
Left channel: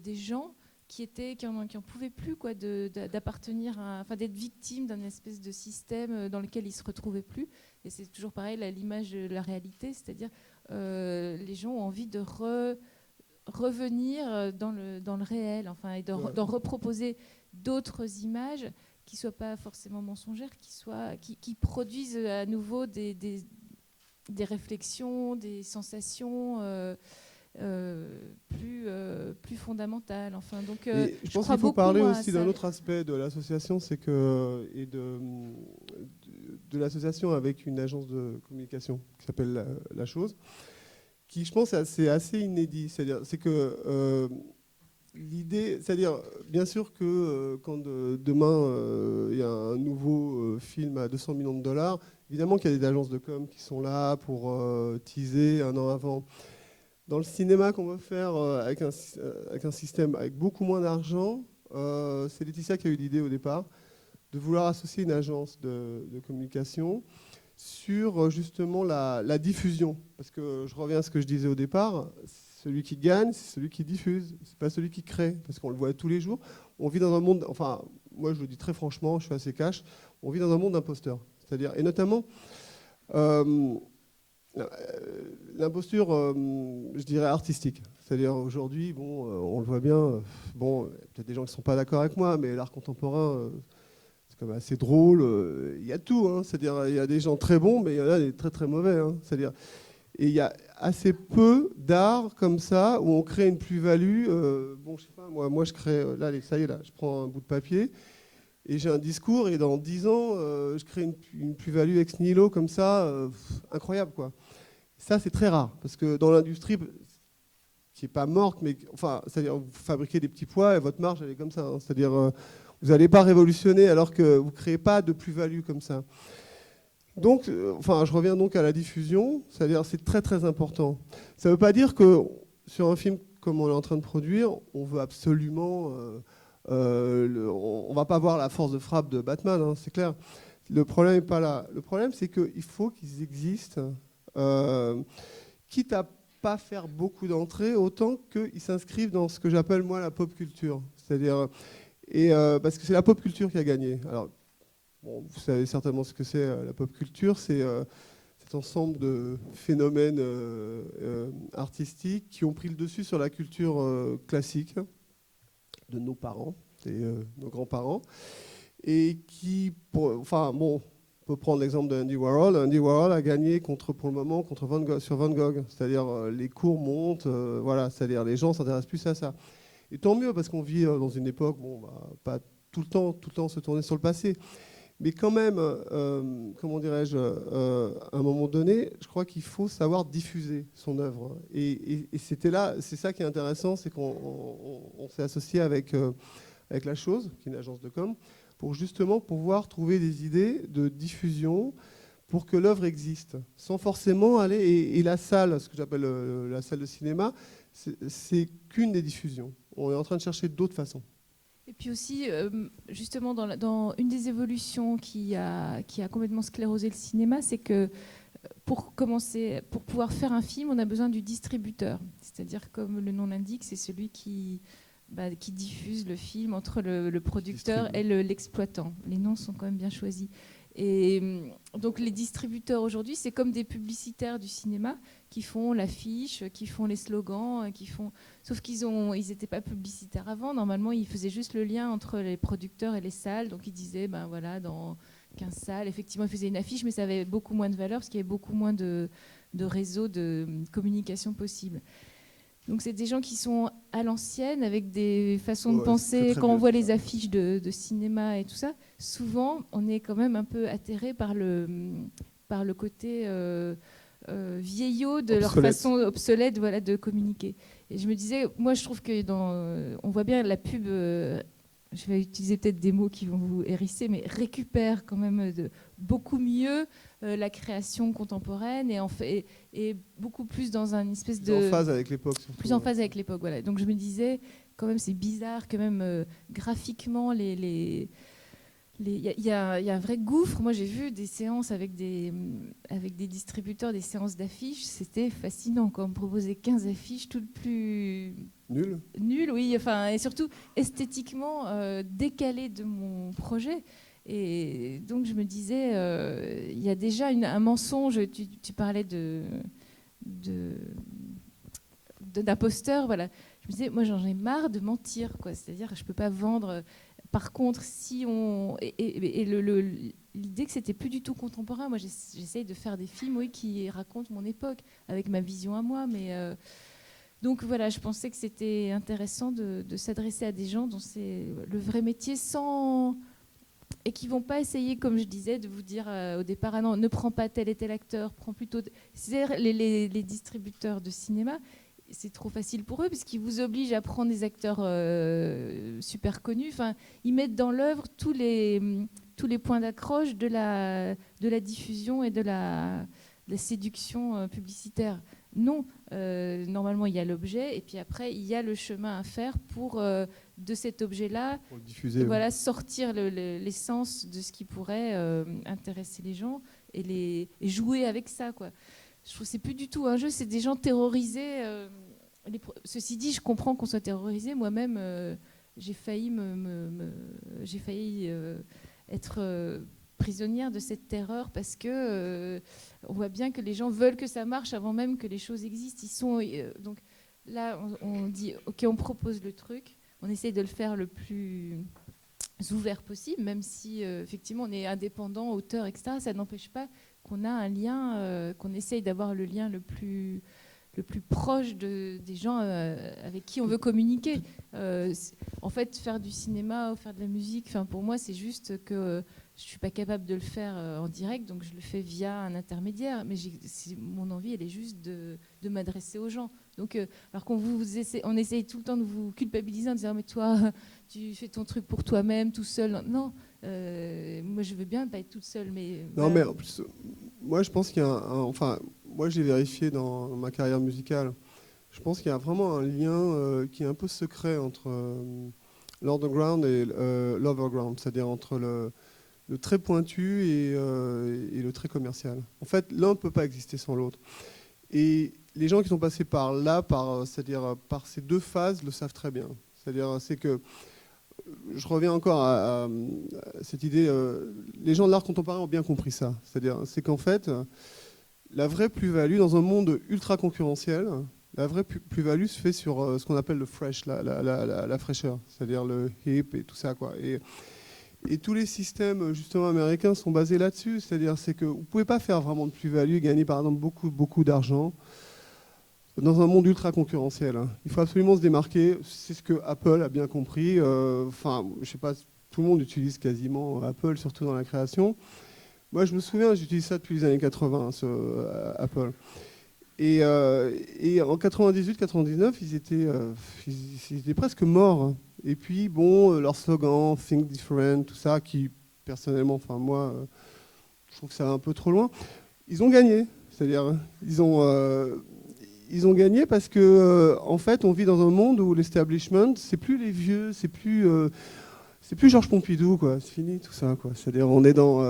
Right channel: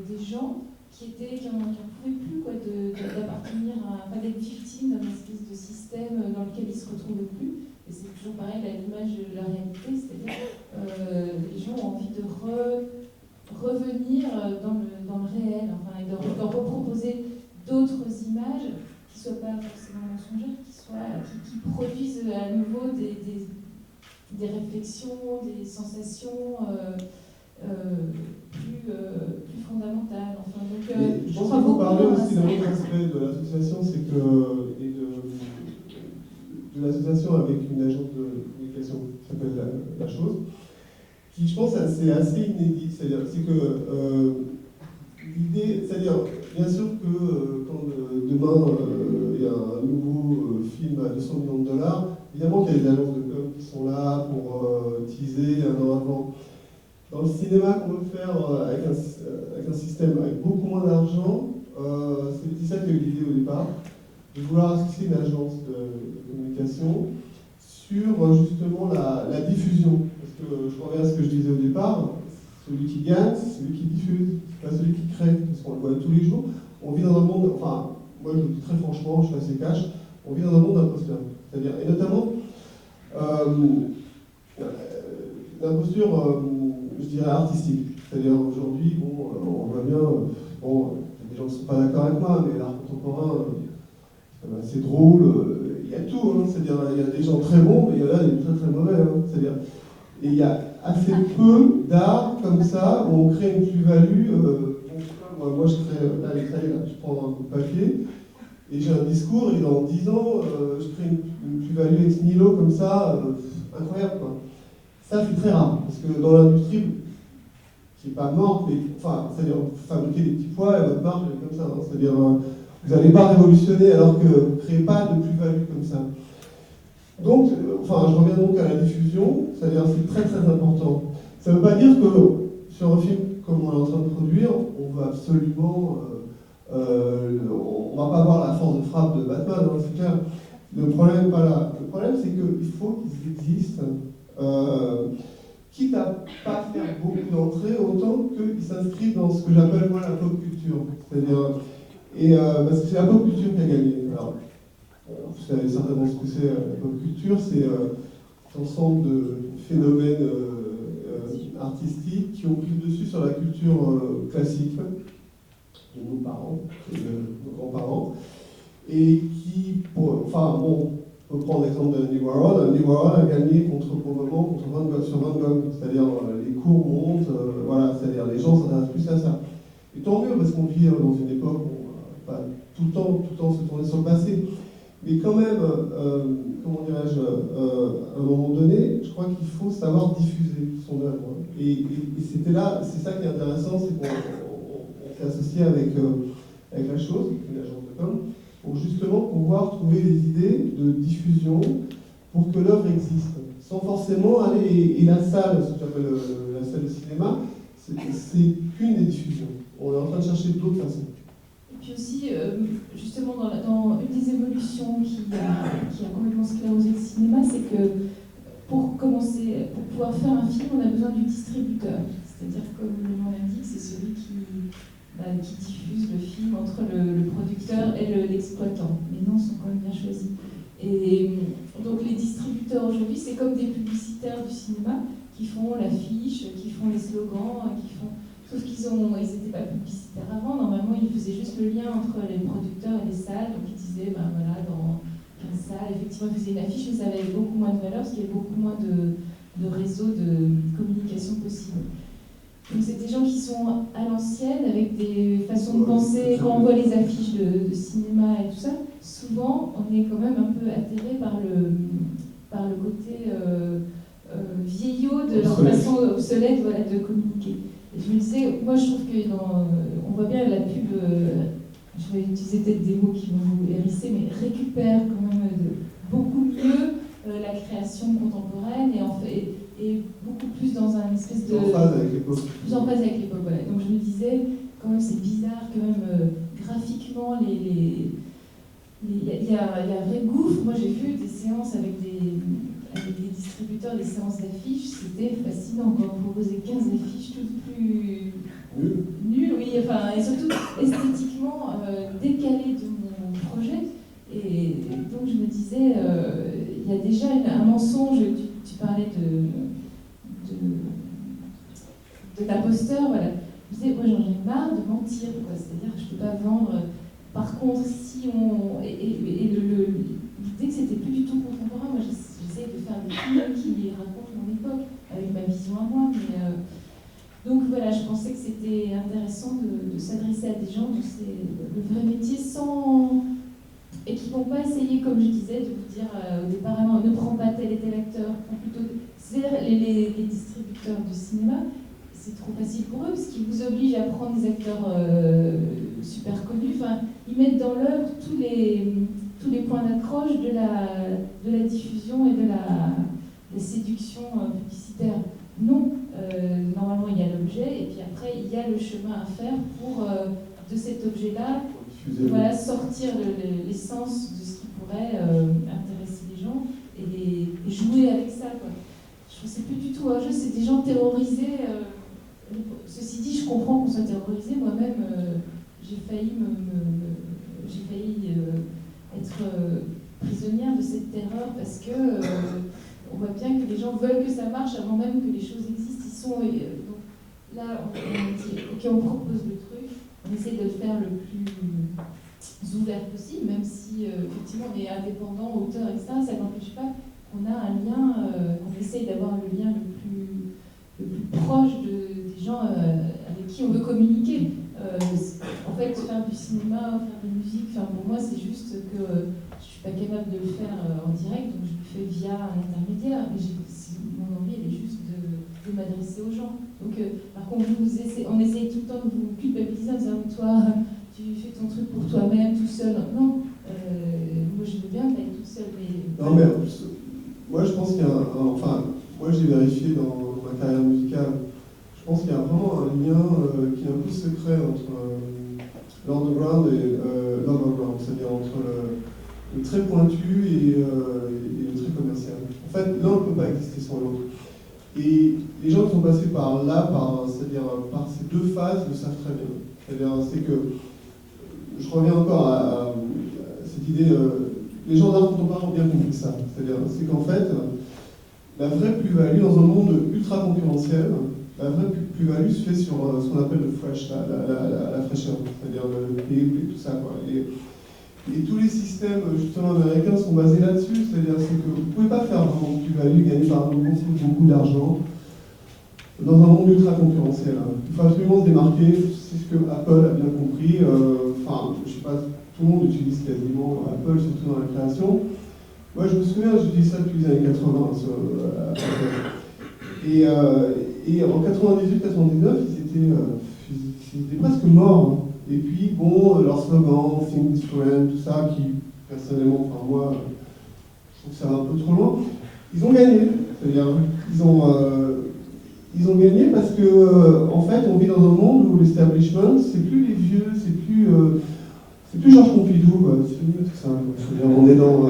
des gens qui en pouvaient plus d'appartenir enfin d'être victimes d'un espèce de système dans lequel ils se retrouvaient plus. Et c'est toujours pareil, l'image de la réalité, c'est-à-dire les gens ont envie de revenir dans le réel, enfin, et de reproposer d'autres images qui ne soient pas forcément mensongères, qui produisent à nouveau des réflexions, des sensations plus fondamentales. Enfin, donc, je pense qu'il faut parler aussi d'un autre aspect de l'association, c'est que de l'association avec une agence de communication qui s'appelle La Chose, qui je pense c'est assez inédit. C'est que l'idée, c'est-à-dire bien sûr que quand demain il y a un nouveau film à 200 millions de dollars, évidemment qu'il y a des agences de com qui sont là pour teaser un an avant. Dans le cinéma qu'on veut faire avec un système avec beaucoup moins d'argent, c'est Laetitia qui a eu l'idée au départ de vouloir associer une agence de communication sur justement la diffusion. Parce que je reviens à ce que je disais au départ, celui qui gagne, c'est celui qui diffuse, c'est pas celui qui crée, parce qu'on le voit tous les jours. On vit dans un monde, enfin, moi je le dis très franchement, je suis assez cash, on vit dans un monde d'imposteurs. C'est-à-dire, et notamment, l'imposture, je dirais, artistique. C'est-à-dire, aujourd'hui, on voit bien, il y a des gens qui ne sont pas d'accord avec moi, mais l'art contemporain, c'est quand même assez drôle, il y a tout, hein. C'est-à-dire, il y a des gens très bons, mais il y en a des très très mauvais. Hein. C'est-à-dire, et il y a assez peu d'art comme ça, où on crée une plus-value. Moi, je crée, là, je prends un papier, et j'ai un discours, et dans 10 ans, je crée une plus-value ex nihilo comme ça, incroyable, quoi. Ça, c'est très rare, parce que dans l'industrie, qui n'est pas morte, mais enfin, c'est-à-dire vous fabriquez des petits pois et votre marge, elle est comme ça. Hein. C'est-à-dire, vous n'allez pas révolutionner alors que vous ne créez pas de plus-value comme ça. Donc, je reviens donc à la diffusion, c'est-à-dire c'est très très important. Ça ne veut pas dire que sur un film comme on est en train de produire, on veut absolument... on ne va pas avoir la force de frappe de Batman, hein, c'est clair. Le problème n'est pas là. Le problème, c'est qu'il faut qu'ils existent, quitte à pas faire beaucoup d'entrées, autant qu'ils s'inscrivent dans ce que j'appelle moi la pop culture. C'est-à-dire, parce que c'est la pop culture qui a gagné. Alors, vous savez certainement ce que c'est la pop culture, c'est cet ensemble de phénomènes artistiques qui ont pris le dessus sur la culture classique de nos parents et de nos grands-parents, et qui, on peut prendre l'exemple d'Andy Warhol. Andy Warhol a gagné pour le moment contre Van Gogh, sur Van Gogh, c'est-à-dire les cours montent, voilà, c'est-à-dire les gens s'intéressent plus à ça. Et tant mieux, parce qu'on vit dans une époque où on ne va pas tout le temps se tourner sur le passé. Mais quand même, comment dirais-je, à un moment donné, je crois qu'il faut savoir diffuser son œuvre. Et c'était là, c'est ça qui est intéressant, c'est qu'on s'est associé avec La Chose, qui est une agence de com, pour justement pouvoir trouver des idées de diffusion pour que l'œuvre existe, sans forcément aller... Et la salle, ce que j'appelle la salle de cinéma, c'est qu'une des diffusions. On est en train de chercher d'autres façons. Et puis aussi, justement, dans une des évolutions qui a complètement sclérosé le cinéma, c'est que pour pouvoir faire un film, on a besoin du distributeur. C'est-à-dire, comme le nom l'indique, c'est celui qui diffuse le film entre le producteur et l'exploitant. Les noms sont quand même bien choisis. Et donc les distributeurs aujourd'hui, c'est comme des publicitaires du cinéma qui font l'affiche, qui font les slogans, sauf qu'ils n'étaient pas publicitaires avant. Normalement, ils faisaient juste le lien entre les producteurs et les salles. Donc ils disaient, dans 15 salles, effectivement, ils faisaient une affiche, mais ça avait beaucoup moins de valeur parce qu'il y avait beaucoup moins de de réseaux de communication possible. Donc c'est des gens qui sont à l'ancienne, avec des façons de penser. Quand on voit les affiches de cinéma et tout ça, souvent on est quand même un peu atterré par le côté vieillot de leur façon obsolète, voilà, de communiquer. Et je me disais, moi je trouve que on voit bien la pub, je vais utiliser peut-être des mots qui vont vous hérisser, mais récupère quand même beaucoup mieux la création contemporaine et beaucoup plus dans un espèce de... En phase avec l'époque. Plus en phase avec l'époque, voilà. Donc je me disais, quand même c'est bizarre que même graphiquement, il y a un vrai gouffre. Moi j'ai vu des séances avec des distributeurs, des séances d'affiches, c'était fascinant, quoi. On proposait 15 affiches toutes plus... Nul, oui, enfin, et surtout esthétiquement décalées de mon projet. Et donc je me disais, il y a déjà un mensonge. Tu parlais de l'imposteur, voilà. Je me disais, moi j'en ai marre de mentir, quoi. C'est-à-dire que je peux pas vendre. Par contre, si on... l'idée que c'était plus du tout contemporain, moi j'essaye de faire des films qui racontent mon époque, avec ma vision à moi, mais... Donc voilà, je pensais que c'était intéressant de s'adresser à des gens dont c'est le vrai métier et qui ne vont pas essayer, comme je disais, de vous dire au départ, ah non, ne prends pas tel et tel acteur, prends plutôt... C'est-à-dire les distributeurs de cinéma, c'est trop facile pour eux, parce qu'ils vous obligent à prendre des acteurs super connus. Enfin, ils mettent dans l'œuvre tous les points d'accroche de la diffusion et de la séduction publicitaire. Non, normalement il y a l'objet et puis après il y a le chemin à faire pour de cet objet-là voilà, sortir l'essence de ce qui pourrait intéresser les gens et jouer avec ça, quoi. Je trouve que c'est plus du tout un jeu, c'est des gens terrorisés. Ceci dit, je comprends qu'on soit terrorisé. Moi-même, j'ai failli être prisonnière de cette terreur parce que on voit bien que les gens veulent que ça marche avant même que les choses existent. Donc là, on dit, ok, on propose le truc, on essaye de le faire le plus ouvert possible, même si effectivement on est indépendant, auteur, etc. Ça n'empêche pas qu'on a un lien, qu'on essaye d'avoir le lien le plus proche des gens avec qui on veut communiquer. En fait, faire du cinéma ou faire de la musique, pour moi, c'est juste que je ne suis pas capable de le faire en direct, donc je le fais via un intermédiaire, mais mon envie, elle est juste de m'adresser aux gens. Donc, par contre, on essaye tout le temps de vous culpabiliser en disant, mais toi, tu fais ton truc pour toi-même, tout seul. Non, moi, je veux bien que l'aille tout seul, mais... Non, mais en plus, moi, je pense qu'il y a moi, j'ai vérifié dans ma carrière musicale, je pense qu'il y a vraiment un lien qui est un peu secret entre l'underground et l'overground, c'est-à-dire entre le très pointu et le très commercial. En fait, l'un ne peut pas exister sans l'autre. Et les gens qui sont passés par là, c'est-à-dire par ces deux phases, le savent très bien. C'est que, je reviens encore à cette idée, les gens de l'art contemporain ont bien compris ça. C'est qu'en fait, la vraie plus-value dans un monde ultra concurrentiel, la vraie plus-value se fait sur ce qu'on appelle le fresh, la fraîcheur, c'est-à-dire le hip et tout ça, quoi. Et tous les systèmes justement américains sont basés là-dessus, c'est-à-dire que vous ne pouvez pas faire vraiment de plus-value, gagner par exemple beaucoup d'argent dans un monde ultra concurrentiel. Il faut absolument se démarquer, c'est ce que Apple a bien compris. Je sais pas, tout le monde utilise quasiment Apple, surtout dans la création. Moi, je me souviens, j'utilise ça depuis les années 80, et en 98-99, ils étaient presque morts. Et puis, bon, leur slogan, Think Different, tout ça, qui, personnellement, moi, je trouve que ça va un peu trop loin. Ils ont gagné. C'est-à-dire, ils ont gagné parce que, en fait, on vit dans un monde où l'establishment, c'est plus les vieux, c'est plus Georges Pompidou, quoi. C'est fini tout ça, quoi. C'est-à-dire, on est dans...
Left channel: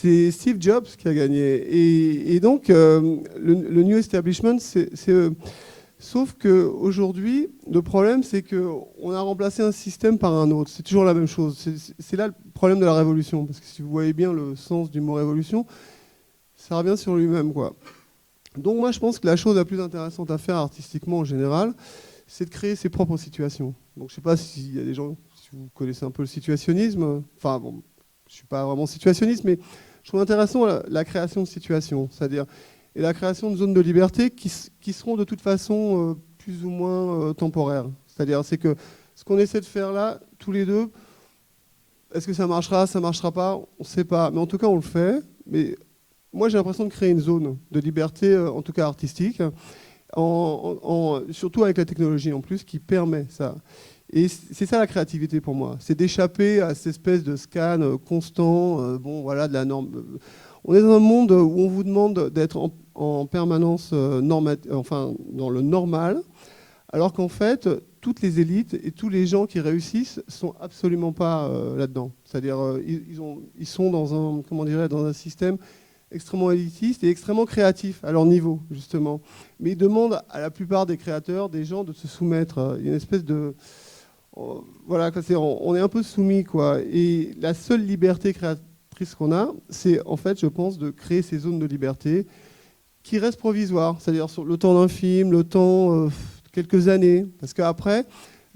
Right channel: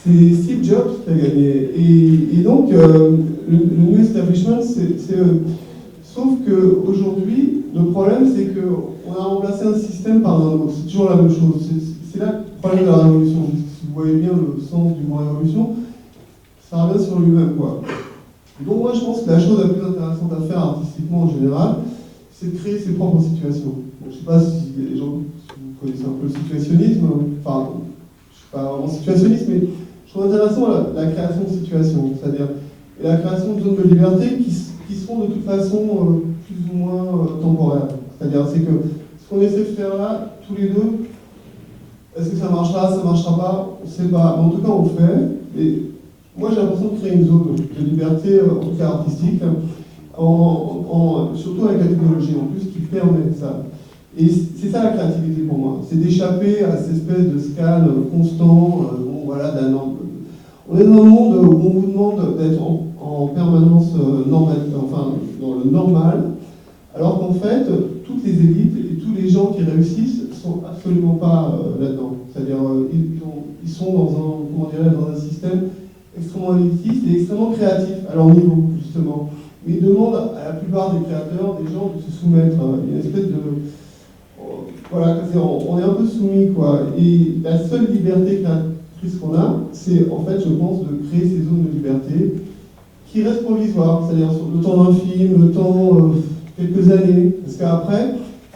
c'est Steve Jobs qui a gagné. Et donc, le New Establishment, c'est eux. Sauf qu'aujourd'hui, le problème, c'est qu'on a remplacé un système par un autre. C'est toujours la même chose. C'est là le problème de la révolution. Parce que si vous voyez bien le sens du mot révolution, ça revient sur lui-même, quoi. Donc moi, je pense que la chose la plus intéressante à faire artistiquement en général, c'est de créer ses propres situations. Donc, je ne sais pas s'il y a des gens, si vous connaissez un peu le situationnisme. Enfin, je ne suis pas vraiment situationniste, mais je trouve intéressant la création de situations. C'est-à-dire, et la création de zones de liberté qui seront de toute façon plus ou moins temporaires. C'est-à-dire, c'est que ce qu'on essaie de faire là, tous les deux, est-ce que ça marchera pas, on ne sait pas. En tout cas, on le fait. Mais moi, j'ai l'impression de créer une zone de liberté, en tout cas artistique, surtout avec la technologie en plus, qui permet ça. Et c'est ça la créativité pour moi, c'est d'échapper à cette espèce de scan constant, voilà, on est dans un monde où on vous demande d'être en permanence dans le normal, alors qu'en fait, toutes les élites et tous les gens qui réussissent sont absolument pas là-dedans. C'est-à-dire, ils sont dans un système extrêmement élitiste et extrêmement créatif à leur niveau, justement. Mais ils demandent à la plupart des créateurs, des gens, de se soumettre à une espèce de... Voilà, on est un peu soumis, quoi. Et la seule liberté créatrice qu'on a, c'est, en fait, je pense, de créer ces zones de liberté qui restent provisoires. C'est-à-dire sur le temps d'un film, le temps... quelques années, parce qu'après,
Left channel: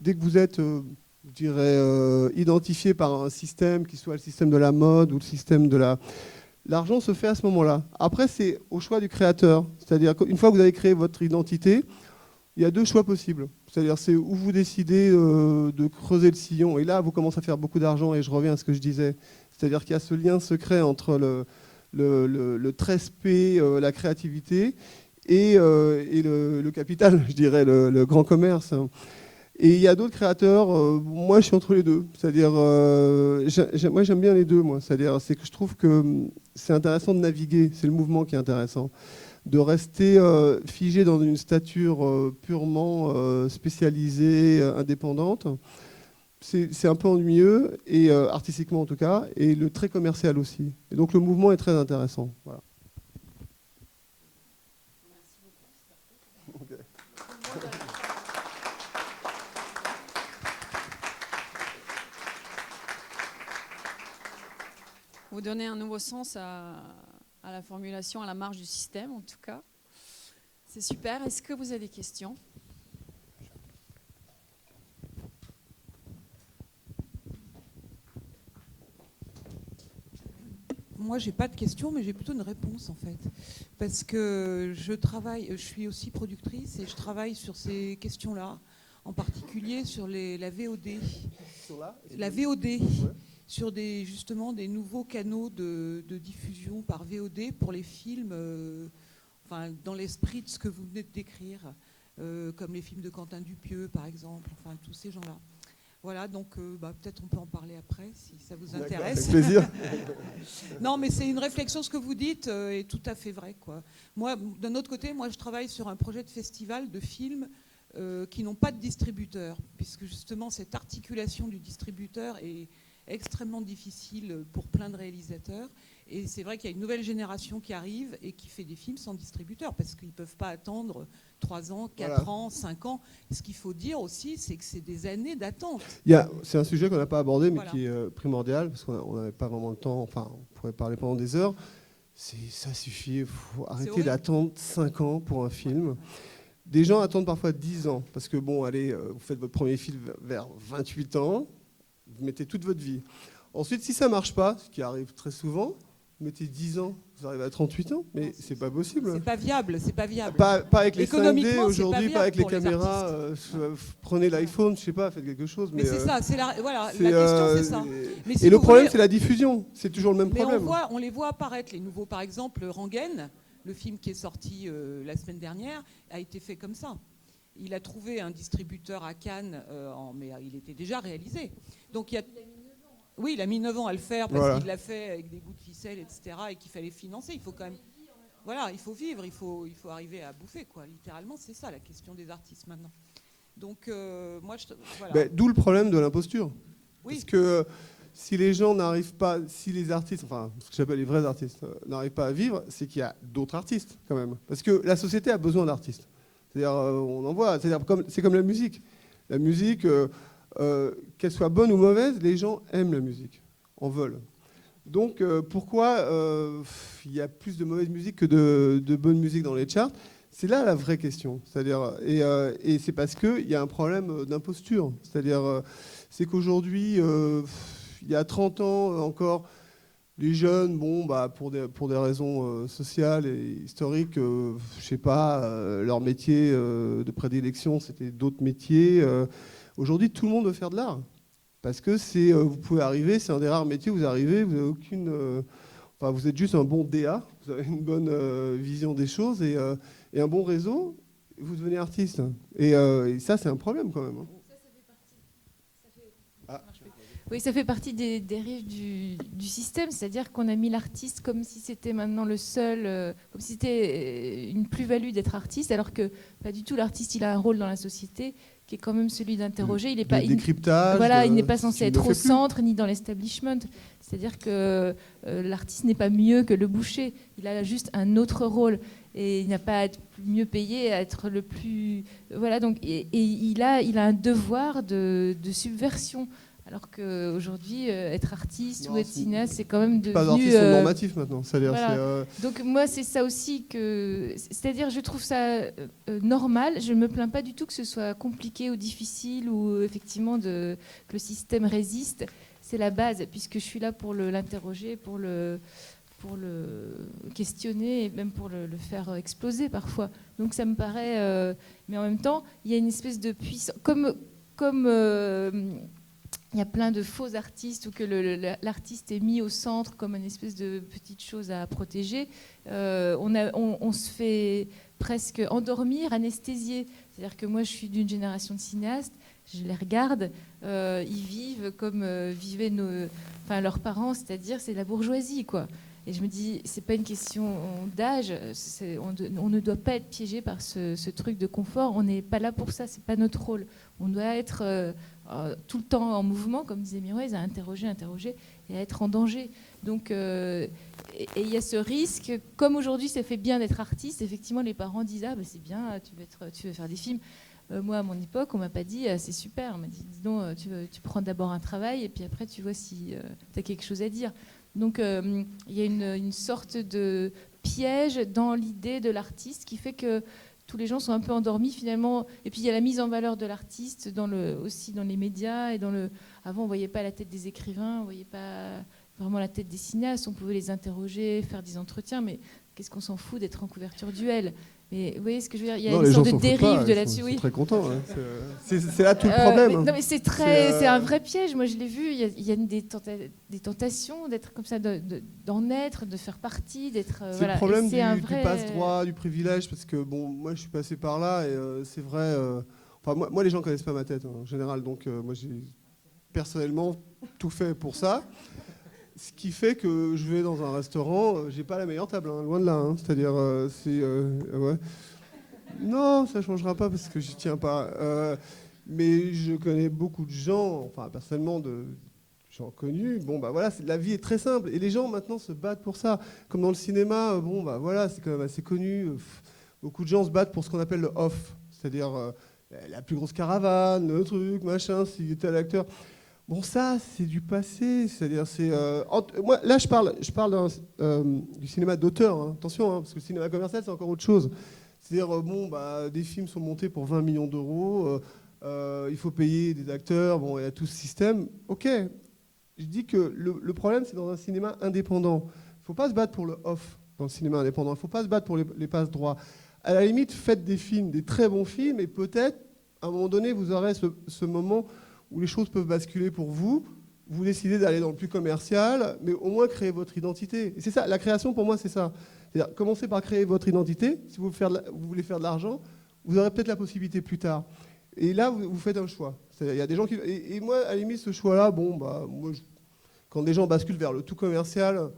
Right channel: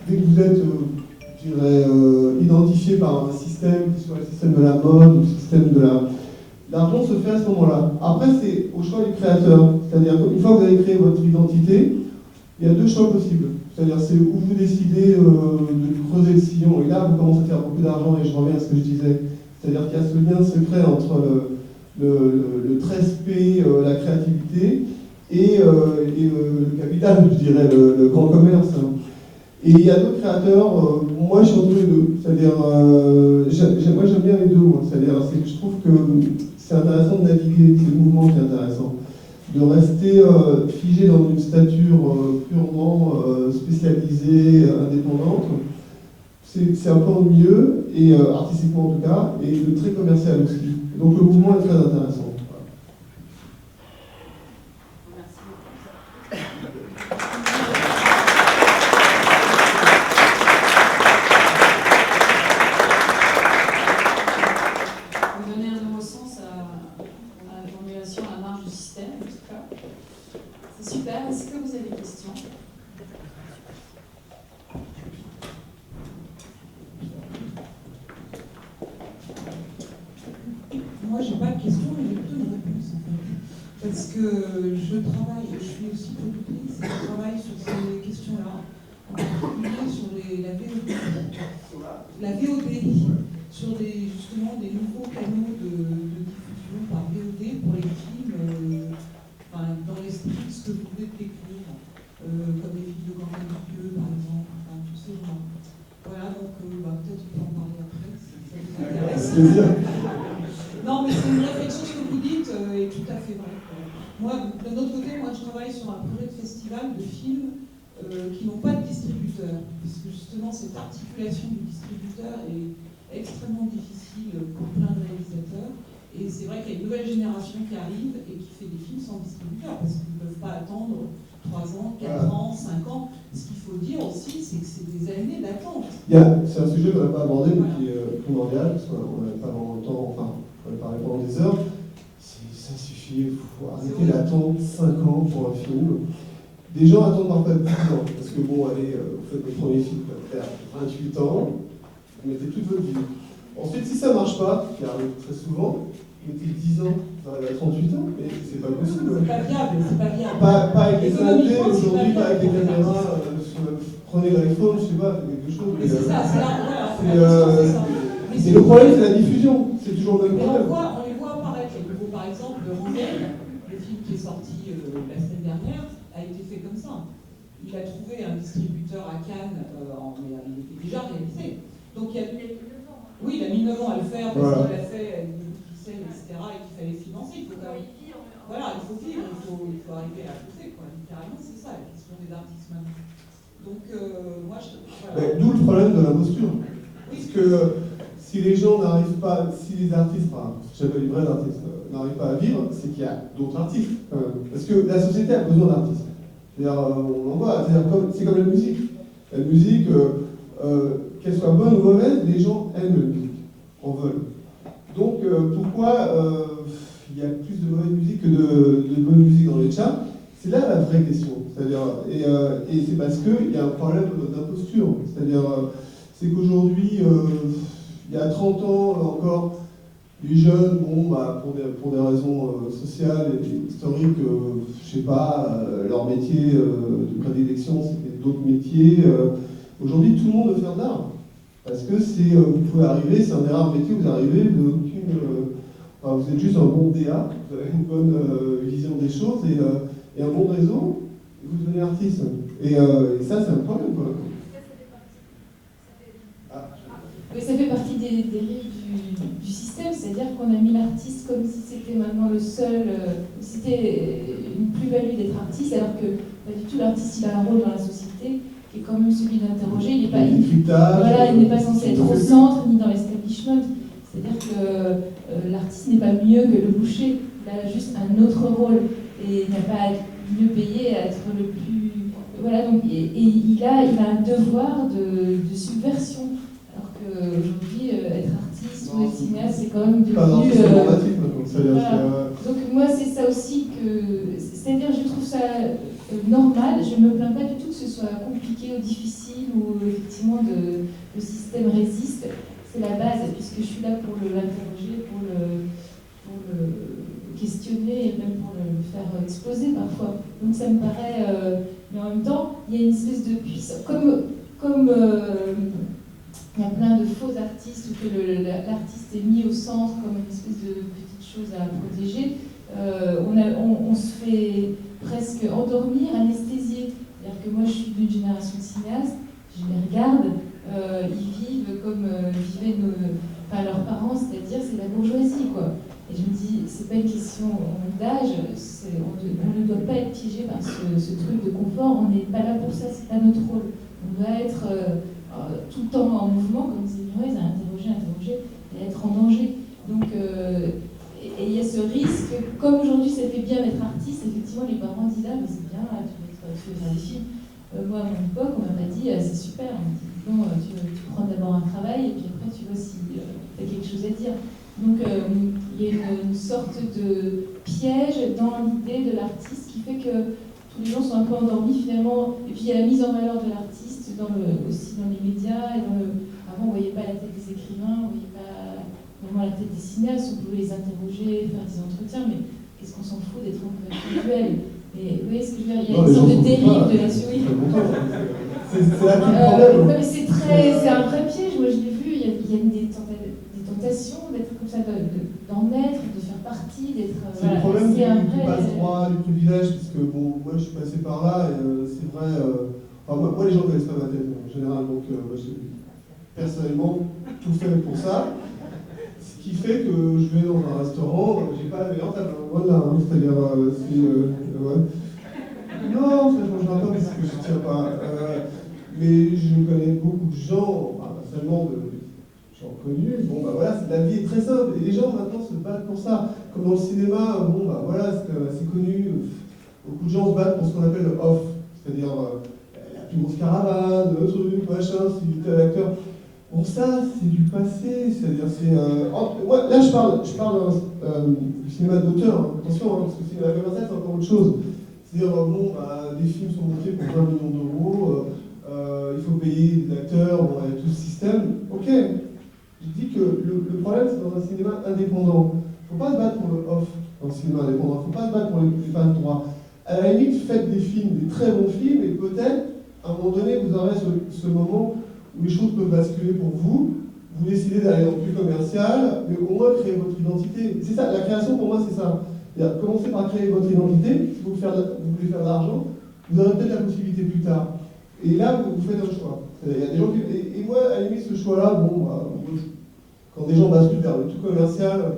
dès que vous êtes, je dirais, identifié par un système, qui soit le système de la mode ou le système de la... L'argent se fait à ce moment-là. Après, c'est au choix du créateur. C'est-à-dire qu'une fois que vous avez créé votre identité, il y a deux choix possibles. C'est-à-dire, c'est où vous décidez de creuser le sillon, et là, vous commencez à faire beaucoup d'argent, et je reviens à ce que je disais. C'est-à-dire qu'il y a ce lien secret entre le 13P, la créativité, et le capital, je dirais, le grand commerce. Et il y a d'autres créateurs, moi je suis entre les deux, c'est-à-dire, moi j'aime bien les deux, c'est-à-dire, c'est que je trouve que c'est intéressant de naviguer, c'est le mouvement qui est intéressant. De rester figé dans une stature purement spécialisée, indépendante, c'est un peu ennuyeux, et artistiquement en tout cas, et très commercial aussi. Et donc le mouvement est très intéressant. C'est super. Est-ce que vous avez des questions? Moi, j'ai pas de questions, mais j'ai plutôt une réponse en fait. Parce que je suis aussi productrice et je travaille sur ces questions-là, en particulier sur la VOD. La VOD, sur justement des nouveaux canaux de diffusion par VOD pour les films. Dans l'esprit de ce que vous venez de décrire, comme les films de Quentin Dupieux, par exemple, enfin, tous ces gens-là. Voilà, donc peut-être on peut en parler après, si ça vous intéresse. Non, mais c'est une réflexion, ce que vous dites est tout à fait vrai, quoi. Moi, d'un autre côté, je travaille sur un projet de festival de films qui n'ont pas de distributeur, puisque justement, cette articulation du distributeur est extrêmement difficile pour plein de réalisateurs. Et c'est vrai qu'il y a une nouvelle génération qui arrive et qui fait des films sans distributeur, parce qu'ils ne peuvent pas attendre 3 ans, 4 ans, 5 ans. Ce qu'il faut dire aussi, c'est que c'est des années d'attente. C'est un sujet qu'on n'a pas abordé, mais qui est primordial, parce qu'on n'avait pas vraiment le temps, on pourrait parler pendant des heures. Ça suffit, il faut arrêter d'attendre 5 ans pour un film. Des gens attendent parfois 10 ans, parce que vous faites votre premier film vers 28 ans, vous mettez toute votre vie. Ensuite, si ça ne marche pas, ce qui arrive très souvent, vous mettez 10 ans, vous arrivez à 38 ans, mais c'est pas possible. C'est pas viable, c'est pas viable. Pas avec les indés aujourd'hui, pas avec les caméras. Prenez l'iPhone, je sais pas, faites quelque chose. Mais c'est ça, c'est la question, c'est ça. Et le problème, c'est la diffusion, c'est toujours le même problème. On les voit apparaître, les nouveaux. Par exemple, Rengaine, le film qui est sorti la semaine dernière, a été fait comme ça. Il a trouvé un distributeur à Cannes, mais il était déjà réalisé. Donc il y a... Oui, il a mis 9 ans à le faire parce qu'il l'a fait avec des ficelles, etc. et qu'il fallait financer. Il faut quand même... Voilà, il faut vivre, il faut arriver à bouffer, quoi. Littéralement, c'est ça la question des artistes maintenant. Donc, voilà. D'où le problème de l'imposture. Oui. Parce que si les gens n'arrivent pas, si les artistes, ce que j'appelle les vrais artistes, n'arrivent pas à vivre, c'est qu'il y a d'autres artistes, quand même. Parce que la société a besoin d'artistes. C'est-à-dire, on en voit, c'est comme la musique. La musique... qu'elle soit bonne ou mauvaise, les gens aiment la musique, en veulent. Donc pourquoi il y a plus de mauvaise musique que de bonne musique dans les charts? C'est là la vraie question. C'est-à-dire, et c'est parce qu'il y a un problème d'imposture. C'est-à-dire, c'est qu'aujourd'hui, il y a 30 ans encore, Les jeunes, bon, bah, pour des raisons sociales et historiques, je sais pas, leur métier de prédilection, c'était d'autres métiers. Aujourd'hui, tout le monde veut faire de l'art. Parce que vous pouvez arriver, c'est un des rares métiers où vous arrivez, vous n'avez aucune... enfin, vous êtes juste un bon DA, vous avez une bonne vision des choses et un bon réseau, et vous devenez artiste. Et ça, c'est un problème, quoi. Oui, ça fait partie des dérives du système, c'est-à-dire qu'on a mis l'artiste comme si c'était maintenant le seul, comme si c'était une plus-value d'être artiste, alors que pas du tout, l'artiste il a un rôle dans la société qui est quand même celui d'interroger, il n'est pas, il n'est pas censé être au centre ni dans l'establishment, c'est-à-dire que l'artiste n'est pas mieux que le boucher, il a juste un autre rôle et il n'a pas à être mieux payé, à être le plus... Voilà, donc, et il a un devoir de subversion. Alors qu'aujourd'hui, être artiste ou être cinéaste, c'est quand même devenu... Pas un artiste normatif maintenant, c'est-à-dire... Voilà. Donc moi, c'est ça aussi que... C'est-à-dire, je trouve ça normal, je ne me plains pas du tout que ce soit compliqué ou difficile, ou effectivement le système résiste. C'est la base, puisque je suis là pour l'interroger, pour le questionner, et même pour le faire exploser parfois. Donc ça me paraît... mais en même temps, il y a une espèce de puissance... Comme il y a plein de faux artistes ou que l'artiste est mis au centre comme une espèce de petite chose à protéger, on se fait presque endormir, anesthésier. C'est-à-dire que moi je suis d'une génération de cinéastes, je les regarde, ils vivent comme vivaient leurs parents, c'est-à-dire c'est la bourgeoisie, quoi. Et je me dis, c'est pas une question d'âge, on ne doit pas être piégé par ce truc de confort, on n'est pas là pour ça, c'est pas notre rôle. On doit être tout le temps en mouvement, comme disait Murez, à interroger et à être en danger. Donc, et il y a ce risque, comme aujourd'hui ça fait bien d'être artiste, effectivement les parents disent « Ah mais c'est bien, tu veux faire des films ». Moi à mon époque, on m'a pas dit « C'est super », on m'a dit « Non, tu prends d'abord un travail et puis après tu vois si tu as quelque chose à dire ». Donc il y a une sorte de piège dans l'idée de l'artiste qui fait que tous les gens sont un peu endormis finalement, et puis il y a la mise en valeur de l'artiste aussi dans les médias, et avant on ne voyait pas la tête des écrivains, on ne voyait pas vraiment la tête des cinéastes, on pouvait les interroger, faire des entretiens, mais qu'est-ce qu'on s'en fout d'être en couverture duel. Mais vous voyez ce que je veux dire, il y a une sorte de dérive de là-dessus. Oui. C'est là tout le problème. Non mais c'est un vrai piège, moi je l'ai vu, il y a des tentations d'être comme ça, d'en être, de faire partie, d'être... C'est le problème du passe-droit, du privilège, parce que bon, moi je suis passé par là, et c'est vrai... Enfin, moi les gens ne connaissent pas ma tête en général, donc moi j'ai personnellement tout fait pour ça. Ce qui fait que je vais dans un restaurant, j'ai pas la meilleure table, loin de là, hein, c'est-à-dire... ouais. Non, ça je ne mangerai pas parce que je ne tiens pas. Mais je connais beaucoup de gens, enfin, pas seulement de gens connus. Bon, bah voilà, la vie est très simple. Et les gens maintenant se battent pour ça. Comme dans le cinéma, bon, bah voilà, c'est assez connu. Beaucoup de gens se battent pour ce qu'on appelle le off. C'est-à-dire la plus grosse caravane, le truc, machin, si tel acteur. Bon, ça, c'est du passé. C'est-à-dire, moi, là, je parle du cinéma d'auteur. Hein. Attention, hein, parce que le cinéma commercial, c'est encore autre chose. C'est-à-dire, bon, bah, des films sont montés pour 20 millions d'euros, il faut payer des acteurs, bon, il y a tout ce système. Ok, je dis que le problème, c'est dans un cinéma indépendant. Il ne faut pas se battre pour le off dans le cinéma indépendant, il ne faut pas se battre pour les passes droits. À la limite, faites des films, des très bons films, et peut-être, à un moment donné, vous aurez ce moment où les choses peuvent basculer pour vous. Vous décidez d'aller dans le plus commercial, mais au moins créer votre identité. Et c'est ça, la création pour moi, c'est ça. C'est-à-dire, commencez par créer votre identité. Si vous voulez faire de l'argent, vous aurez peut-être la possibilité plus tard. Et là, vous faites un choix. Il y a des gens qui... Et moi, à la limite, ce choix-là, bon, bah, quand des gens basculent vers le tout commercial,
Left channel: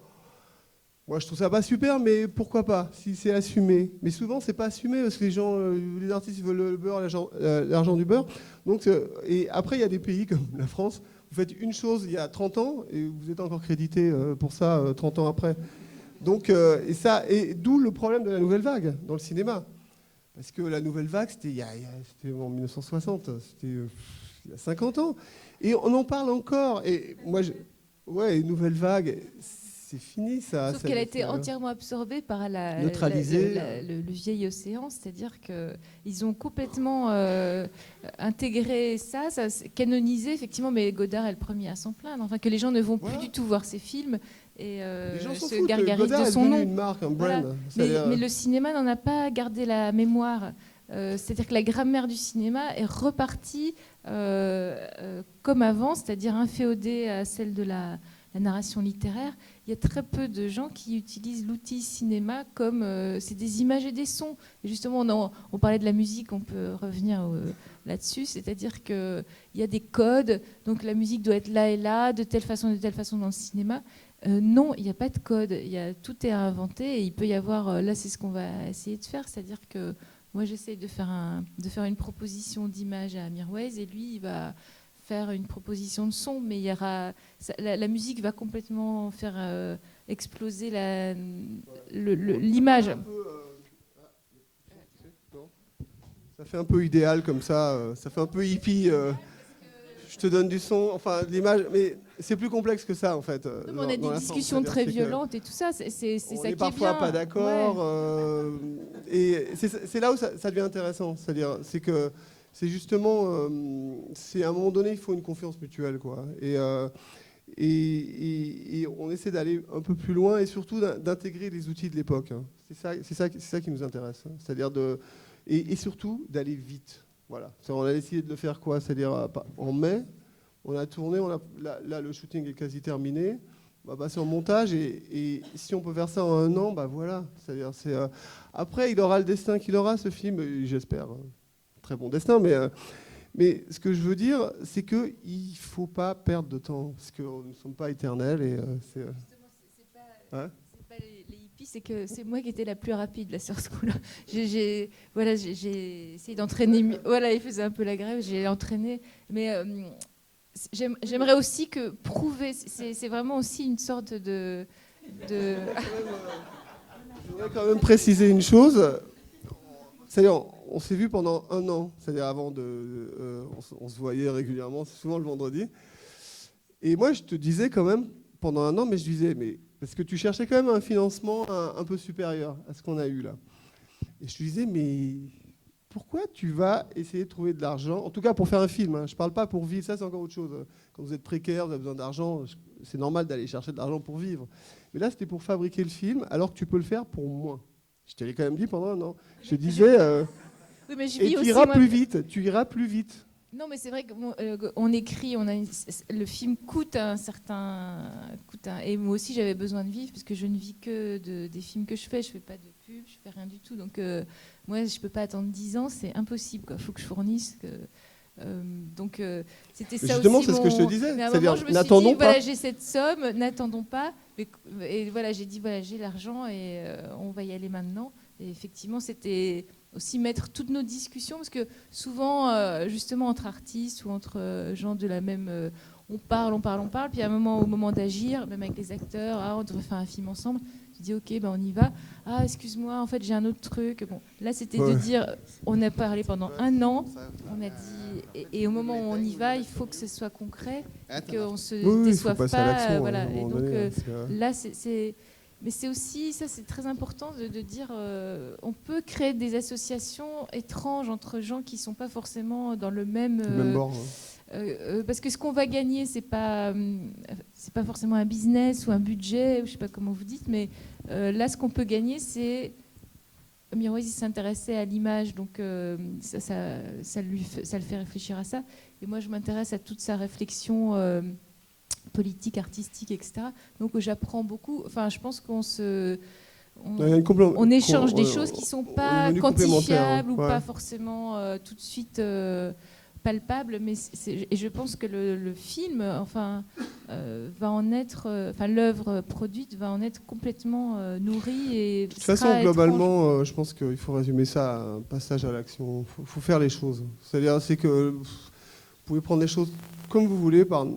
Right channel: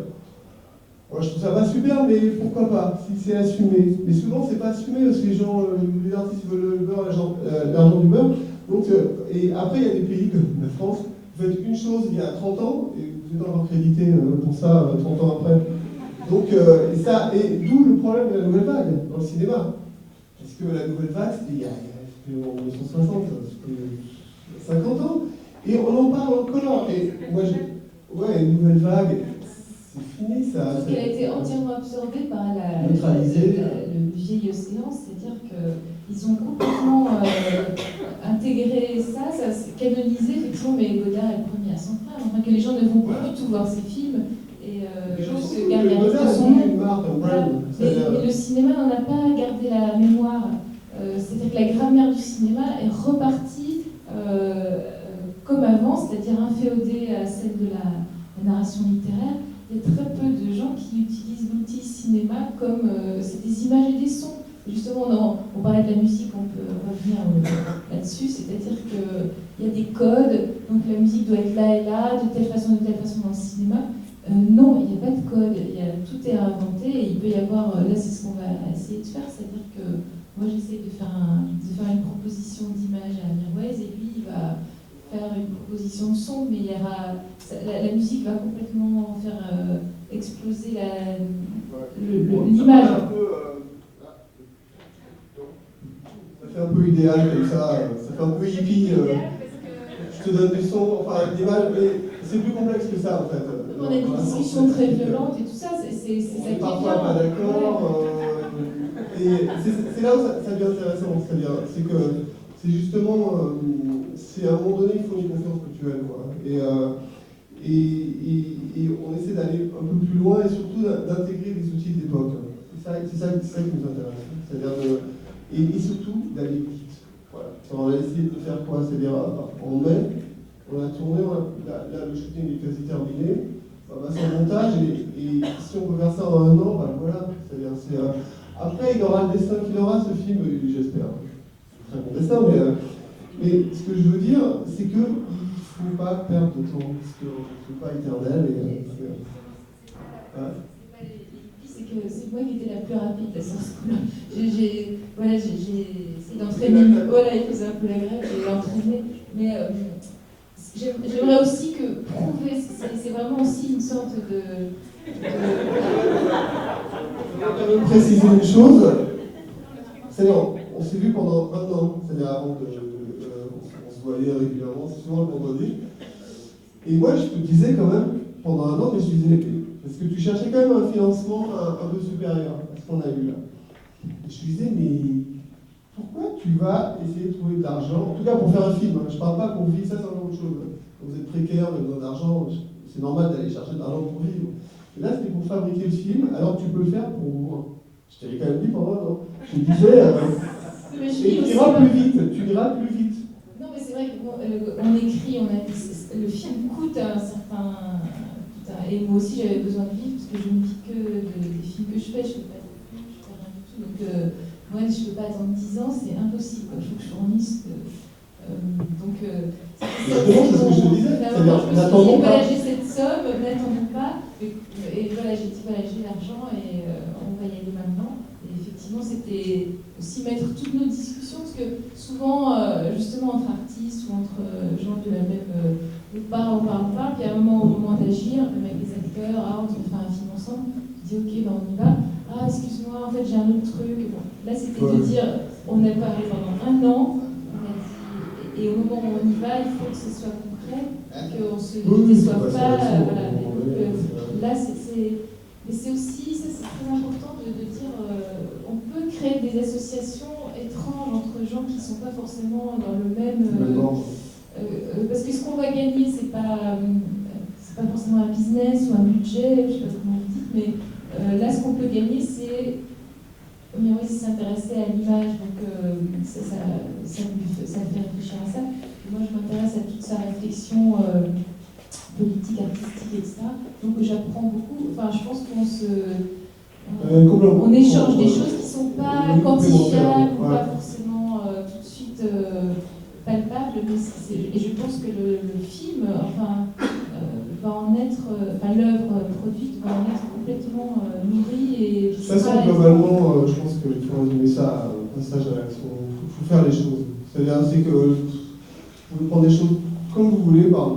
moi, je trouve ça pas super, mais pourquoi pas, si c'est assumé. Mais souvent, c'est pas assumé, parce que les artistes veulent le beurre, l'argent du beurre. Donc, et après, il y a des pays comme la France, vous faites une chose il y a 30 ans, et vous êtes encore crédité pour ça 30 ans après. Donc, et d'où le problème de la nouvelle vague dans le cinéma. Parce que la nouvelle vague, c'était en 1960, c'était 50 ans. Et on en parle encore. Et moi, une nouvelle vague, c'est fini ça. Sauf qu'elle a été entièrement absorbée par le vieil océan, c'est-à-dire qu'ils ont complètement intégré ça s'est canonisé, effectivement, mais Godard est le premier à s'en plaindre. Enfin, que les gens ne vont plus du tout voir ces films. Et se gargarise de son nom. Voilà. Mais Mais le cinéma n'en a pas gardé la mémoire. C'est-à-dire que la grammaire du cinéma est repartie comme avant, c'est-à-dire inféodée à celle de la narration littéraire. Il y a très peu de gens qui utilisent l'outil cinéma comme c'est des images et des sons. Et justement, on parlait de la musique, on peut revenir là-dessus, c'est-à-dire qu'il y a des codes, donc la musique doit être là et là, de telle façon dans le cinéma. Non, il n'y a pas de code, tout est à inventer et il peut y avoir, là c'est ce qu'on va essayer de faire, c'est-à-dire que moi j'essaie de faire une proposition d'image à Mirwais et lui il va faire une proposition de son, mais la musique va complètement faire exploser l'image. Ça fait un peu idéal comme ça fait un peu hippie. Je te donne du son, enfin l'image, mais c'est plus complexe que ça en fait. On a des discussions très violentes et tout ça, c'est ça qui est bien. Parfois pas d'accord. Et c'est là où ça devient intéressant, c'est-à-dire que c'est justement, c'est à un moment donné il faut une confiance mutuelle quoi. Et on essaie d'aller un peu plus loin et surtout d'intégrer les outils de l'époque. C'est ça qui nous intéresse. C'est-à-dire et surtout d'aller vite. Voilà. On a essayé de faire quoi? C'est-à-dire en mai, on a tourné, là le shooting est quasi terminé. C'est en montage et si on peut faire ça en 1 an, voilà. C'est-à-dire après il aura le destin qu'il aura ce film, j'espère. Très bon destin, mais ce que je veux dire, c'est qu'il ne faut pas perdre de temps, parce que c'est pas éternel. C'est que c'est moi qui étais la plus rapide là, sur ce coup-là. J'ai essayé d'entraîner. Voilà, il faisait un peu la grève, j'ai entraîné. Mais j'aimerais aussi que prouver, c'est vraiment aussi une sorte de préciser une chose, c'est-à-dire on s'est vu pendant 1 an, c'est-à-dire avant on se voyait régulièrement, c'est souvent le vendredi. Et moi je te disais quand même, pendant 1 an, mais je disais, parce que tu cherchais quand même un financement un peu supérieur à ce qu'on a eu là. Et je te disais, mais pourquoi tu vas essayer de trouver de l'argent, en tout cas pour faire un film, hein. Je ne parle pas pour vivre, ça c'est encore autre chose. Quand vous êtes précaire, vous avez besoin d'argent, c'est normal d'aller chercher de l'argent pour vivre. Mais là c'était pour fabriquer le film, alors tu peux le faire pour moins. Je te l'ai quand même dit pendant 1 an. Je te disais, et tu iras plus vite, Non mais c'est vrai qu'on écrit, le film coûte un certain... Et moi aussi j'avais besoin de vivre parce que je ne vis que des films que je fais pas de pub, je fais rien du tout. Donc moi je ne peux pas attendre 10 ans, c'est impossible. Il faut que je fournisse. Justement, c'est ce que je te disais. C'est-à-dire, n'attendons pas. Voilà, j'ai cette somme, n'attendons pas. Et voilà, j'ai dit, voilà, j'ai l'argent et on va y aller maintenant. Et effectivement, c'était aussi mettre toutes nos discussions, parce que souvent, justement, entre artistes ou entre gens de la même... on parle, puis à au moment d'agir, même avec les acteurs, on devrait faire un film ensemble, je dis, ok, on y va. Ah, excuse-moi, en fait, j'ai un autre truc. Bon, là, c'était de dire, on a parlé pendant 1 an, on a dit... Et au moment où on y va, il faut que ce soit concret, qu'on ne se déçoive pas. Voilà. Et donc, là, mais c'est aussi, ça c'est très important de dire, on peut créer des associations étranges entre gens qui ne sont pas forcément dans le même... parce que ce qu'on va gagner, c'est pas forcément un business ou un budget, je ne sais pas comment vous dites, mais là, ce qu'on peut gagner, c'est... Mirwais s'intéressait à l'image, donc ça le fait réfléchir à ça. Et moi, je m'intéresse à toute sa réflexion politique, artistique, etc. Donc j'apprends beaucoup. Enfin, je pense on échange des choses qui ne sont pas quantifiables, ou pas forcément tout de suite palpables. Et je pense que le film, va en être, l'œuvre produite va en être complètement nourrie et... De toute façon, globalement, je pense qu'il faut résumer ça à un passage à l'action. Il faut faire les choses. C'est-à-dire, que vous pouvez prendre des choses comme vous voulez, par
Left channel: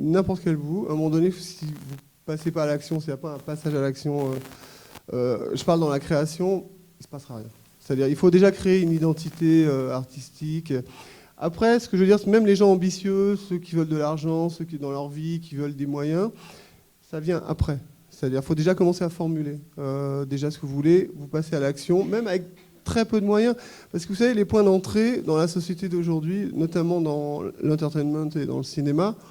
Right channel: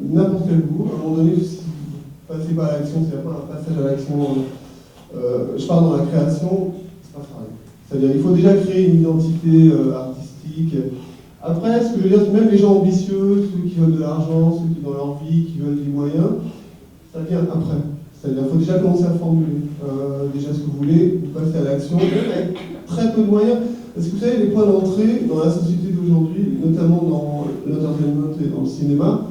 n'importe quel bout. À un moment donné, si vous passez pas à l'action, s'il n'y a pas un passage à l'action, je parle dans la création, il ne se passera rien. C'est-à-dire, il faut déjà créer une identité artistique. Après, ce que je veux dire, c'est même les gens ambitieux, ceux qui veulent de l'argent, ceux qui, dans leur vie, qui veulent des moyens, ça vient après. C'est-à-dire qu'il faut déjà commencer à formuler déjà ce que vous voulez, vous passez à l'action, même avec très peu de moyens. Parce que vous savez, les points d'entrée dans la société d'aujourd'hui, notamment dans l'entertainment et dans le cinéma,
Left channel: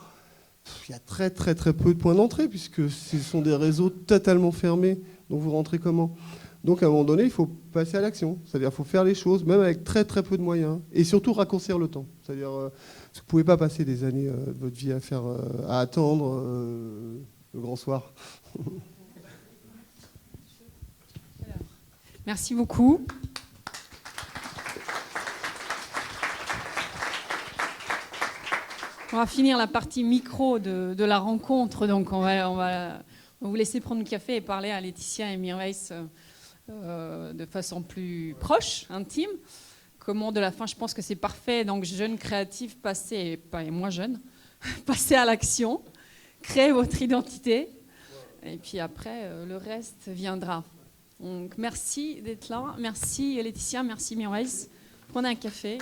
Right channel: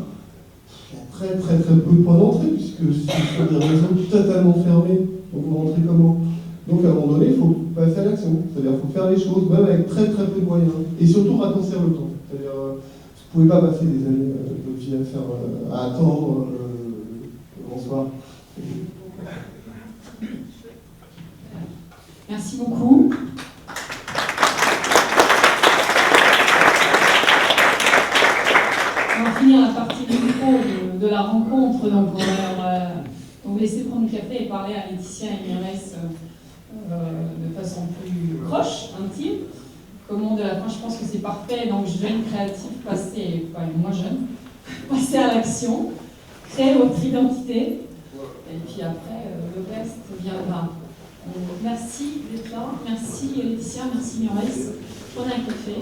il y a très très très peu de points d'entrée, puisque ce sont des réseaux totalement fermés. Donc vous rentrez comment? Donc à un moment donné, il faut passer à l'action. C'est-à-dire qu'il faut faire les choses, même avec très très peu de moyens. Et surtout raccourcir le temps. C'est-à-dire vous ne pouvez pas passer des années de votre vie à attendre le grand soir. Merci beaucoup. On va finir la partie micro de la rencontre. Donc on va vous laisser prendre le café et parler à Laetitia et Mirwais de façon plus proche, intime. Comme mot de la fin, je pense que c'est parfait. Donc, jeunes créatifs, passez, pas moins jeunes, passez à l'action, créez votre identité, et puis après, le reste viendra. Merci d'être là. Merci Laetitia, merci Mirwais. Prenez un café.